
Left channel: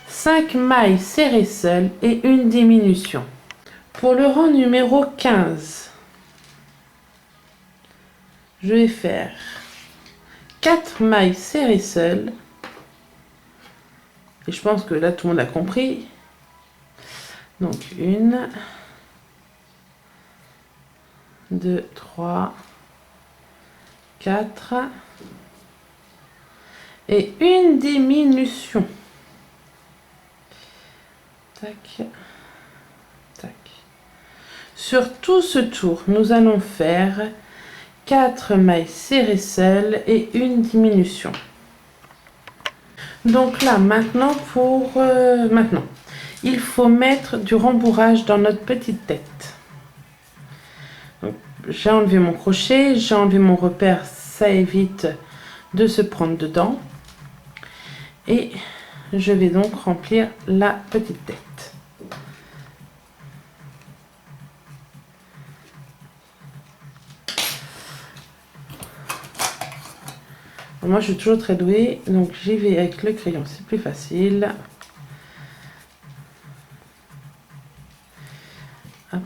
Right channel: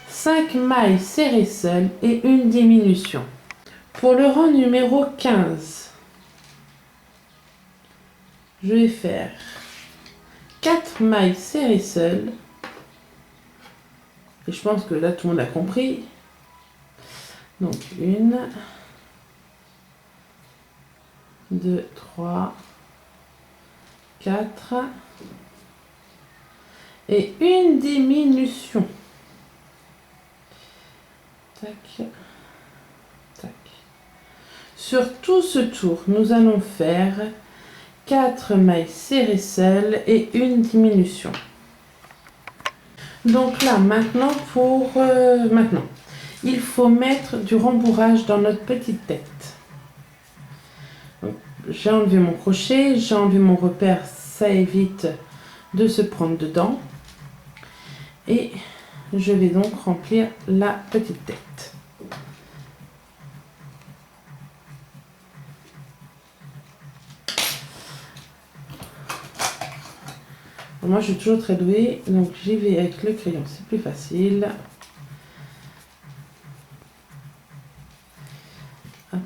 5 mailles serrées seules et une diminution. Pour le rang numéro 15, je vais faire 4 mailles serrées seules. Et je pense que là, tout le monde a compris. Donc, 1, 2, 3, 4. Et une diminution. Tac, tac. Sur tout ce tour, nous allons faire 4 mailles serrées seules et une diminution. Donc là, maintenant, il faut mettre du rembourrage dans notre petite tête. J'ai enlevé mon crochet, j'ai enlevé mon repère, ça évite de se prendre dedans. Et je vais donc remplir la petite tête. Moi, je suis toujours très douée, donc j'y vais avec le crayon, c'est plus facile. Hop.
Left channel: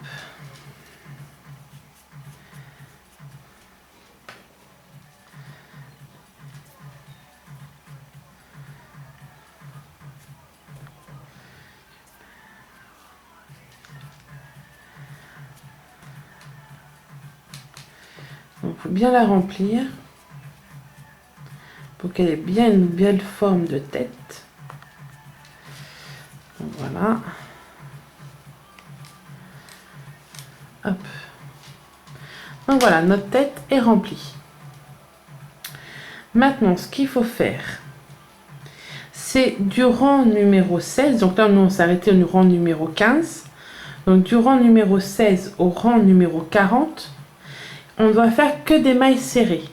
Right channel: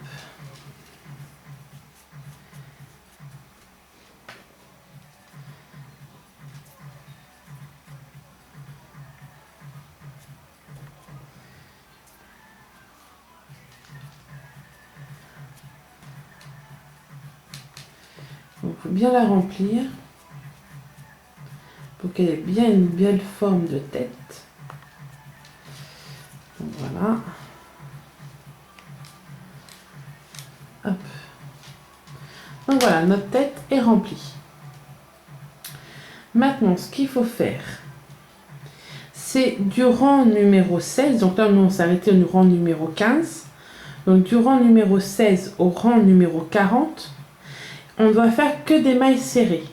Donc, il faut bien la remplir pour qu'elle ait bien une belle forme de tête. Donc, voilà. Hop. Donc voilà, notre tête est remplie. Maintenant, ce qu'il faut faire, c'est du rang numéro 16. Donc là, nous, on s'est arrêté au rang numéro 15. Donc du rang numéro 16 au rang numéro 40, on doit faire que des mailles serrées.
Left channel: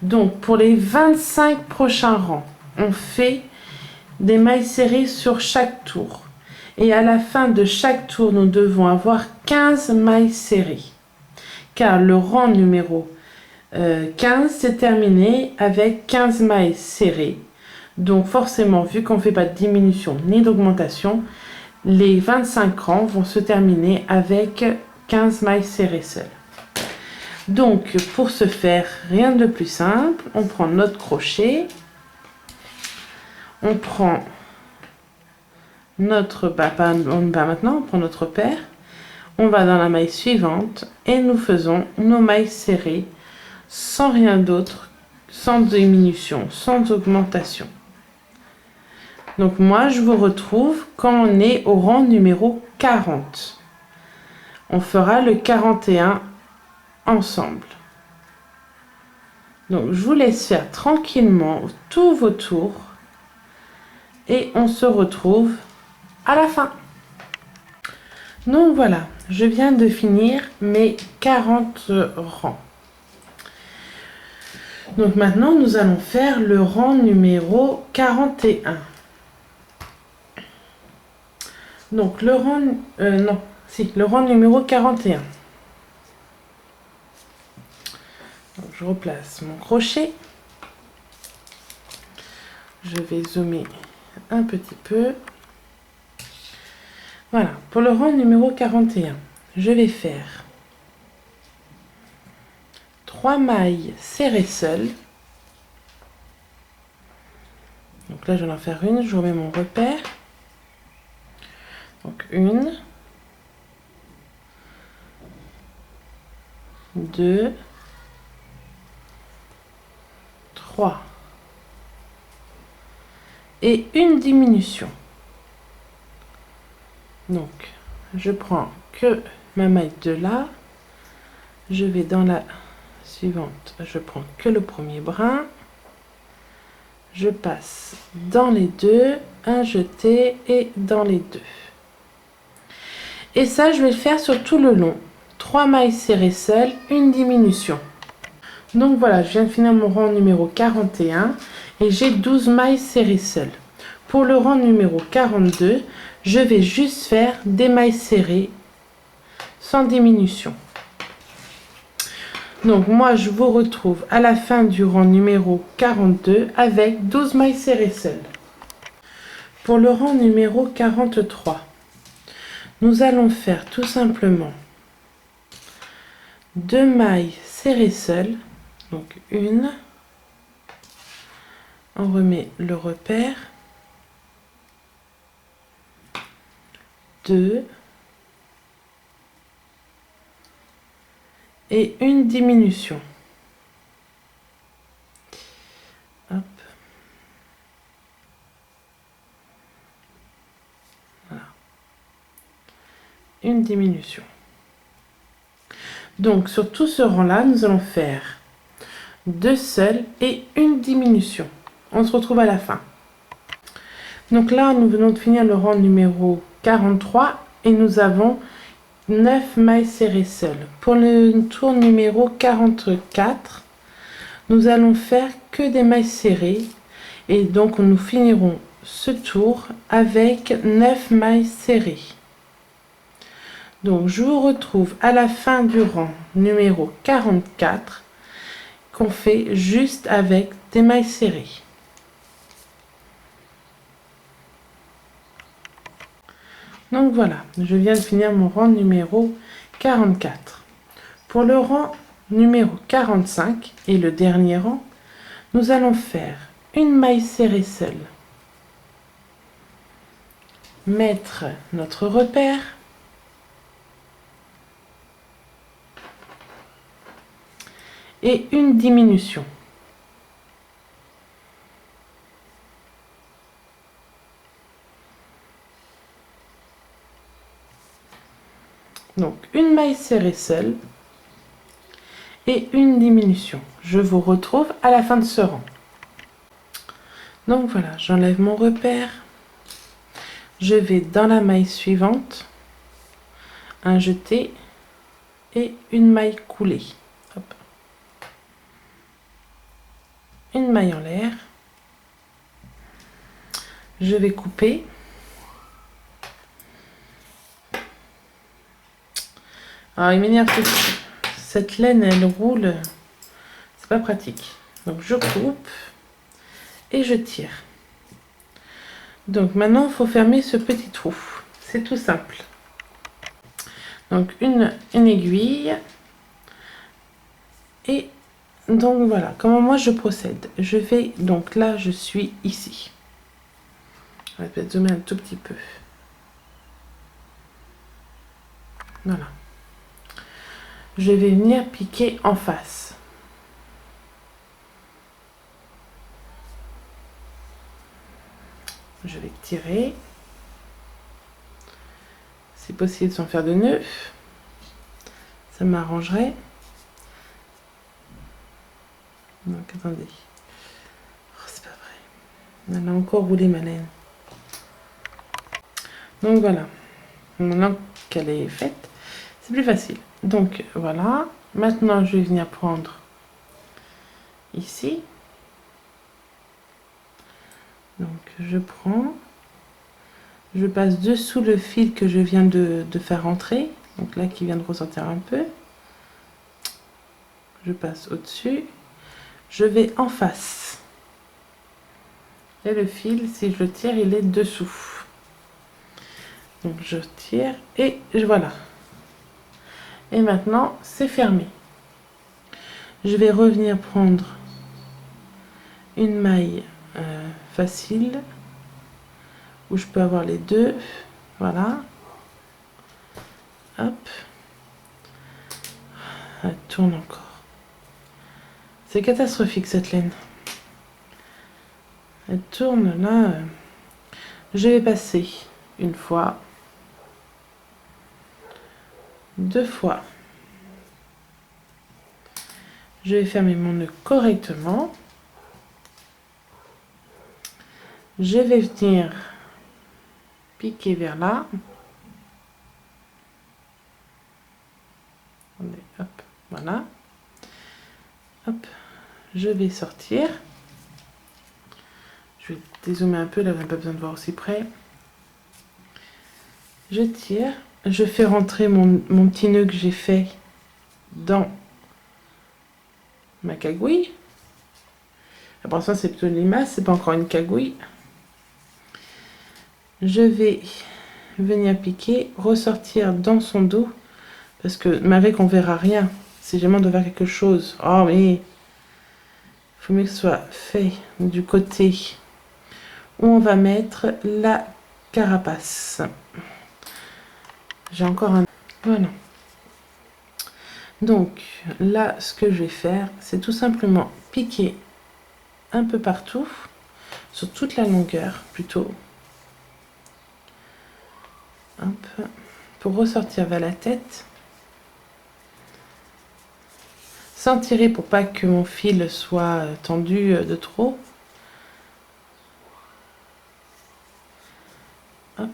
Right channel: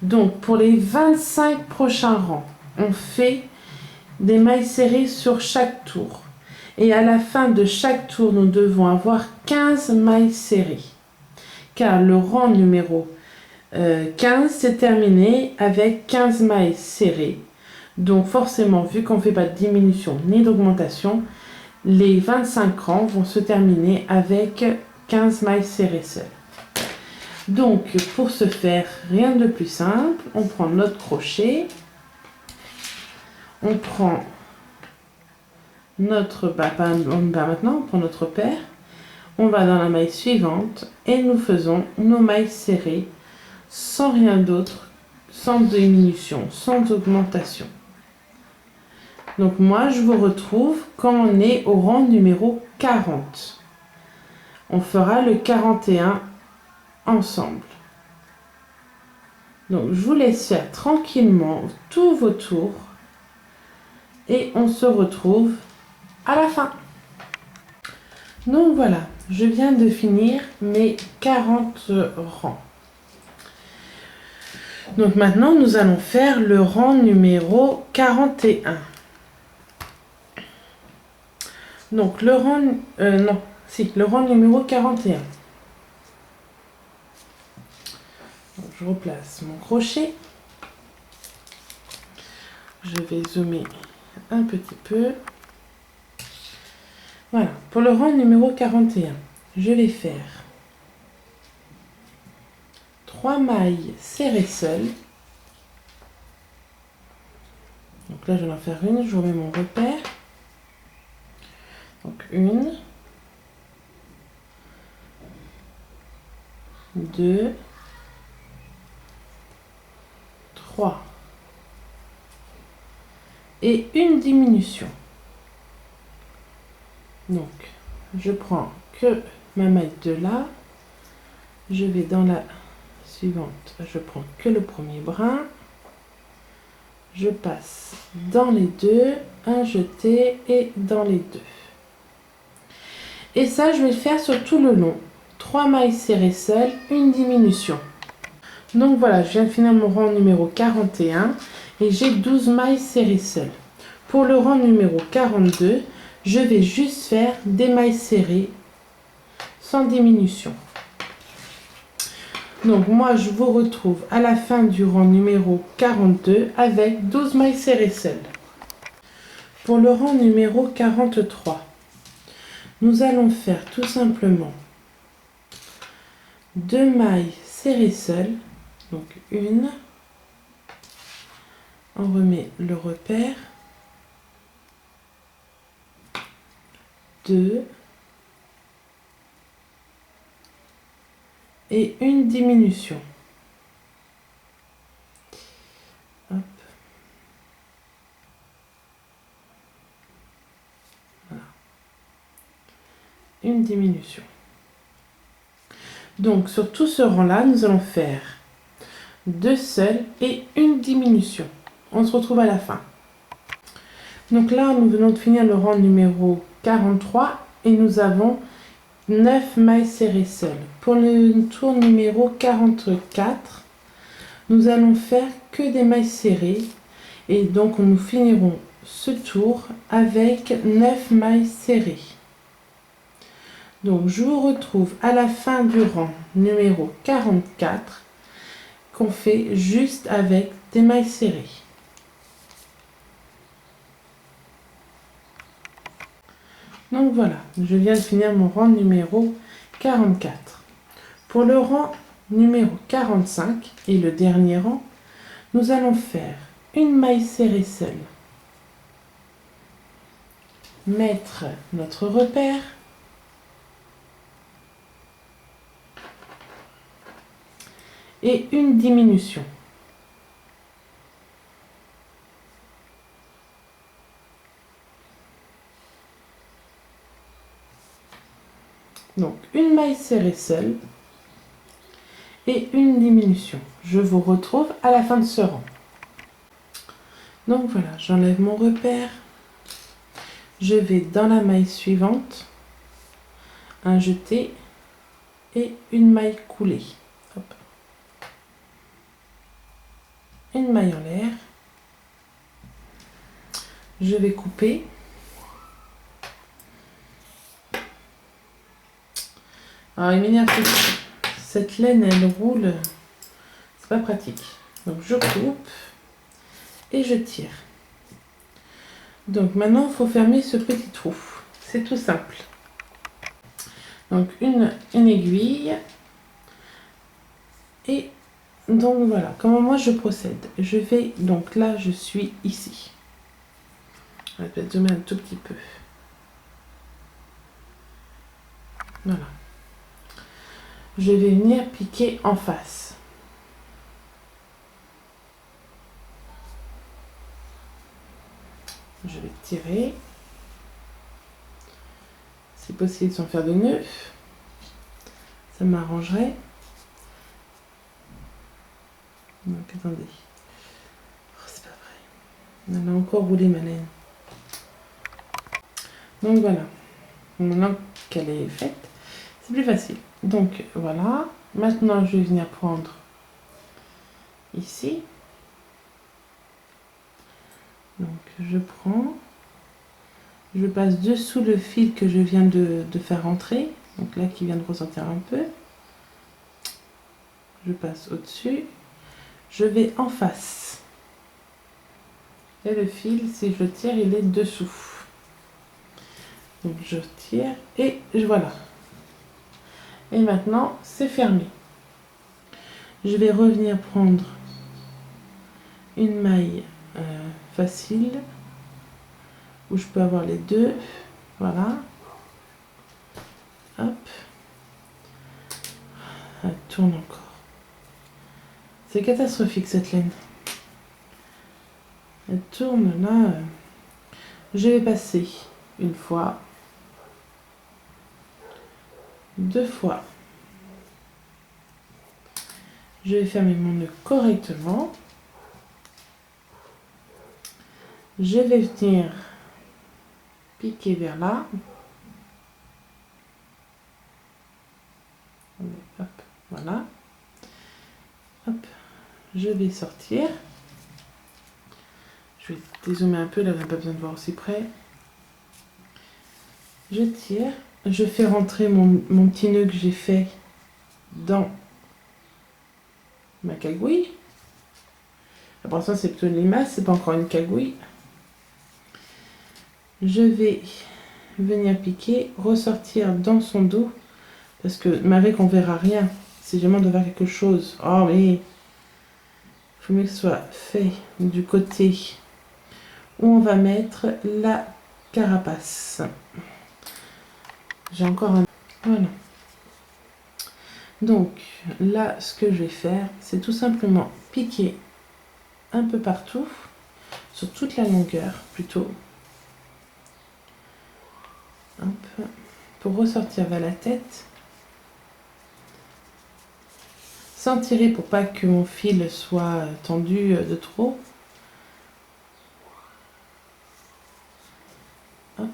Donc pour les 25 prochains rangs, on fait des mailles serrées sur chaque tour. Et à la fin de chaque tour, nous devons avoir 15 mailles serrées. Car le rang numéro 15 s'est terminé avec 15 mailles serrées. Donc forcément, vu qu'on ne fait pas de diminution ni d'augmentation, les 25 rangs vont se terminer avec 15 mailles serrées seules. Donc pour ce faire, rien de plus simple, on prend notre crochet, on prend notre maintenant, on prend notre paire, on va dans la maille suivante et nous faisons nos mailles serrées sans rien d'autre, sans diminution, sans augmentation. Donc moi je vous retrouve quand on est au rang numéro 40. On fera le 41 ensemble. Donc je vous laisse faire tranquillement tous vos tours et on se retrouve à la fin. Donc voilà, je viens de finir mes 40 rangs. Donc maintenant nous allons faire le rang numéro 41. Donc le rang le rang numéro 41. Donc, je replace mon crochet. Je vais zoomer un petit peu. Voilà, pour le rang numéro 41, je vais faire 3 mailles serrées seules. Donc là, je vais en faire une, je remets mon repère. Donc 1, 2, 3 et une diminution. Donc, je prends que ma maille de là, je vais dans la suivante, je prends que le premier brin, je passe dans les deux, un jeté et dans les deux. Et ça, je vais le faire sur tout le long. 3 mailles serrées seules, une diminution. Donc voilà, je viens de finir mon rang numéro 41 et j'ai 12 mailles serrées seules. Pour le rang numéro 42, je vais juste faire des mailles serrées sans diminution. Donc moi, je vous retrouve à la fin du rang numéro 42 avec 12 mailles serrées seules. Pour le rang numéro 43, nous allons faire tout simplement 2 mailles serrées seules. Donc une, on remet le repère, 2 et une diminution. Hop. Voilà. Une diminution. Donc sur tout ce rang là, nous allons faire 2 seuls et une diminution. On se retrouve à la fin. Donc là, nous venons de finir le rang numéro 43 et nous avons 9 mailles serrées seules. Pour le tour numéro 44, nous allons faire que des mailles serrées et donc nous finirons ce tour avec 9 mailles serrées. Donc je vous retrouve à la fin du rang numéro 44 qu'on fait juste avec des mailles serrées. Donc voilà, je viens de finir mon rang numéro 44. Pour le rang numéro 45 et le dernier rang, nous allons faire une maille serrée seule, mettre notre repère, et une diminution. Donc une maille serrée seule et une diminution. Je vous retrouve à la fin de ce rang. Donc voilà, j'enlève mon repère. Je vais dans la maille suivante, un jeté et une maille coulée. Hop. Une maille en l'air. Je vais couper. Alors il m'énerve que cette laine elle roule, c'est pas pratique. Donc je coupe et je tire. Donc maintenant il faut fermer ce petit trou. C'est tout simple. Donc une aiguille. Et donc voilà comment moi je procède. Je vais donc là je suis ici. On va peut-être zoomer un tout petit peu. Voilà. Je vais venir piquer en face. Je vais tirer. C'est possible sans faire de nœud. Ça m'arrangerait. Donc attendez. Oh, c'est pas vrai. Elle a encore roulé ma laine. Donc voilà. Maintenant qu'elle est faite, c'est plus facile. Donc voilà. Maintenant je vais venir prendre ici. Donc je prends. Je passe dessous le fil que je viens de faire rentrer. Donc là qui vient de ressortir un peu. Je passe au-dessus. Je vais en face. Et le fil, si je le tire, il est dessous. Donc je tire et voilà. Et maintenant, c'est fermé. Je vais revenir prendre une maille facile où je peux avoir les deux. Voilà. Hop. Elle tourne encore. C'est catastrophique cette laine. Elle tourne là. Je vais passer une fois, deux fois. Je vais fermer mon nœud correctement. Je vais venir piquer vers là. Hop, voilà. Hop, je vais sortir. Je vais dézoomer un peu, là, on n'a pas besoin de voir aussi près. Je tire, je fais rentrer mon petit nœud que j'ai fait dans ma cagouille. Après ça, c'est plutôt une limace, c'est pas encore une cagouille. Je vais venir piquer, ressortir dans son dos, parce que avec on verra rien. Si jamais on doit faire quelque chose, oh mais il faut mieux que ce soit fait du côté où on va mettre la carapace. J'ai encore un... Voilà. Donc là, ce que je vais faire, c'est tout simplement piquer un peu partout, sur toute la longueur plutôt. Hop, pour ressortir vers la tête. Sans tirer pour pas que mon fil soit tendu de trop. Hop.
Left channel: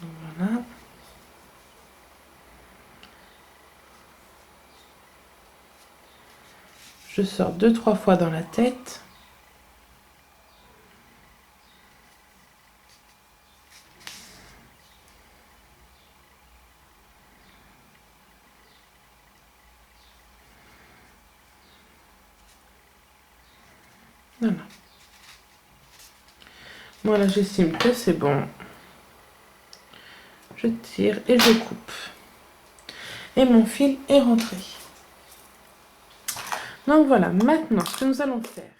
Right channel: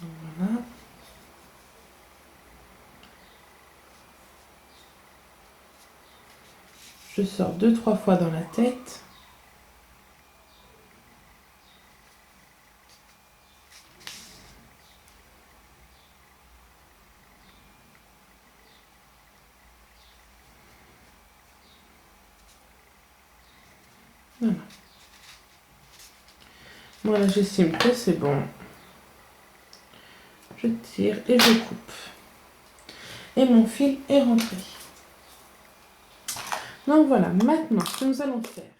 Voilà. Je sors 2-3 fois dans la tête. Voilà. Voilà, j'estime que c'est bon. Je tire et je coupe. Et mon fil est rentré. Donc voilà, maintenant, ce que nous allons faire.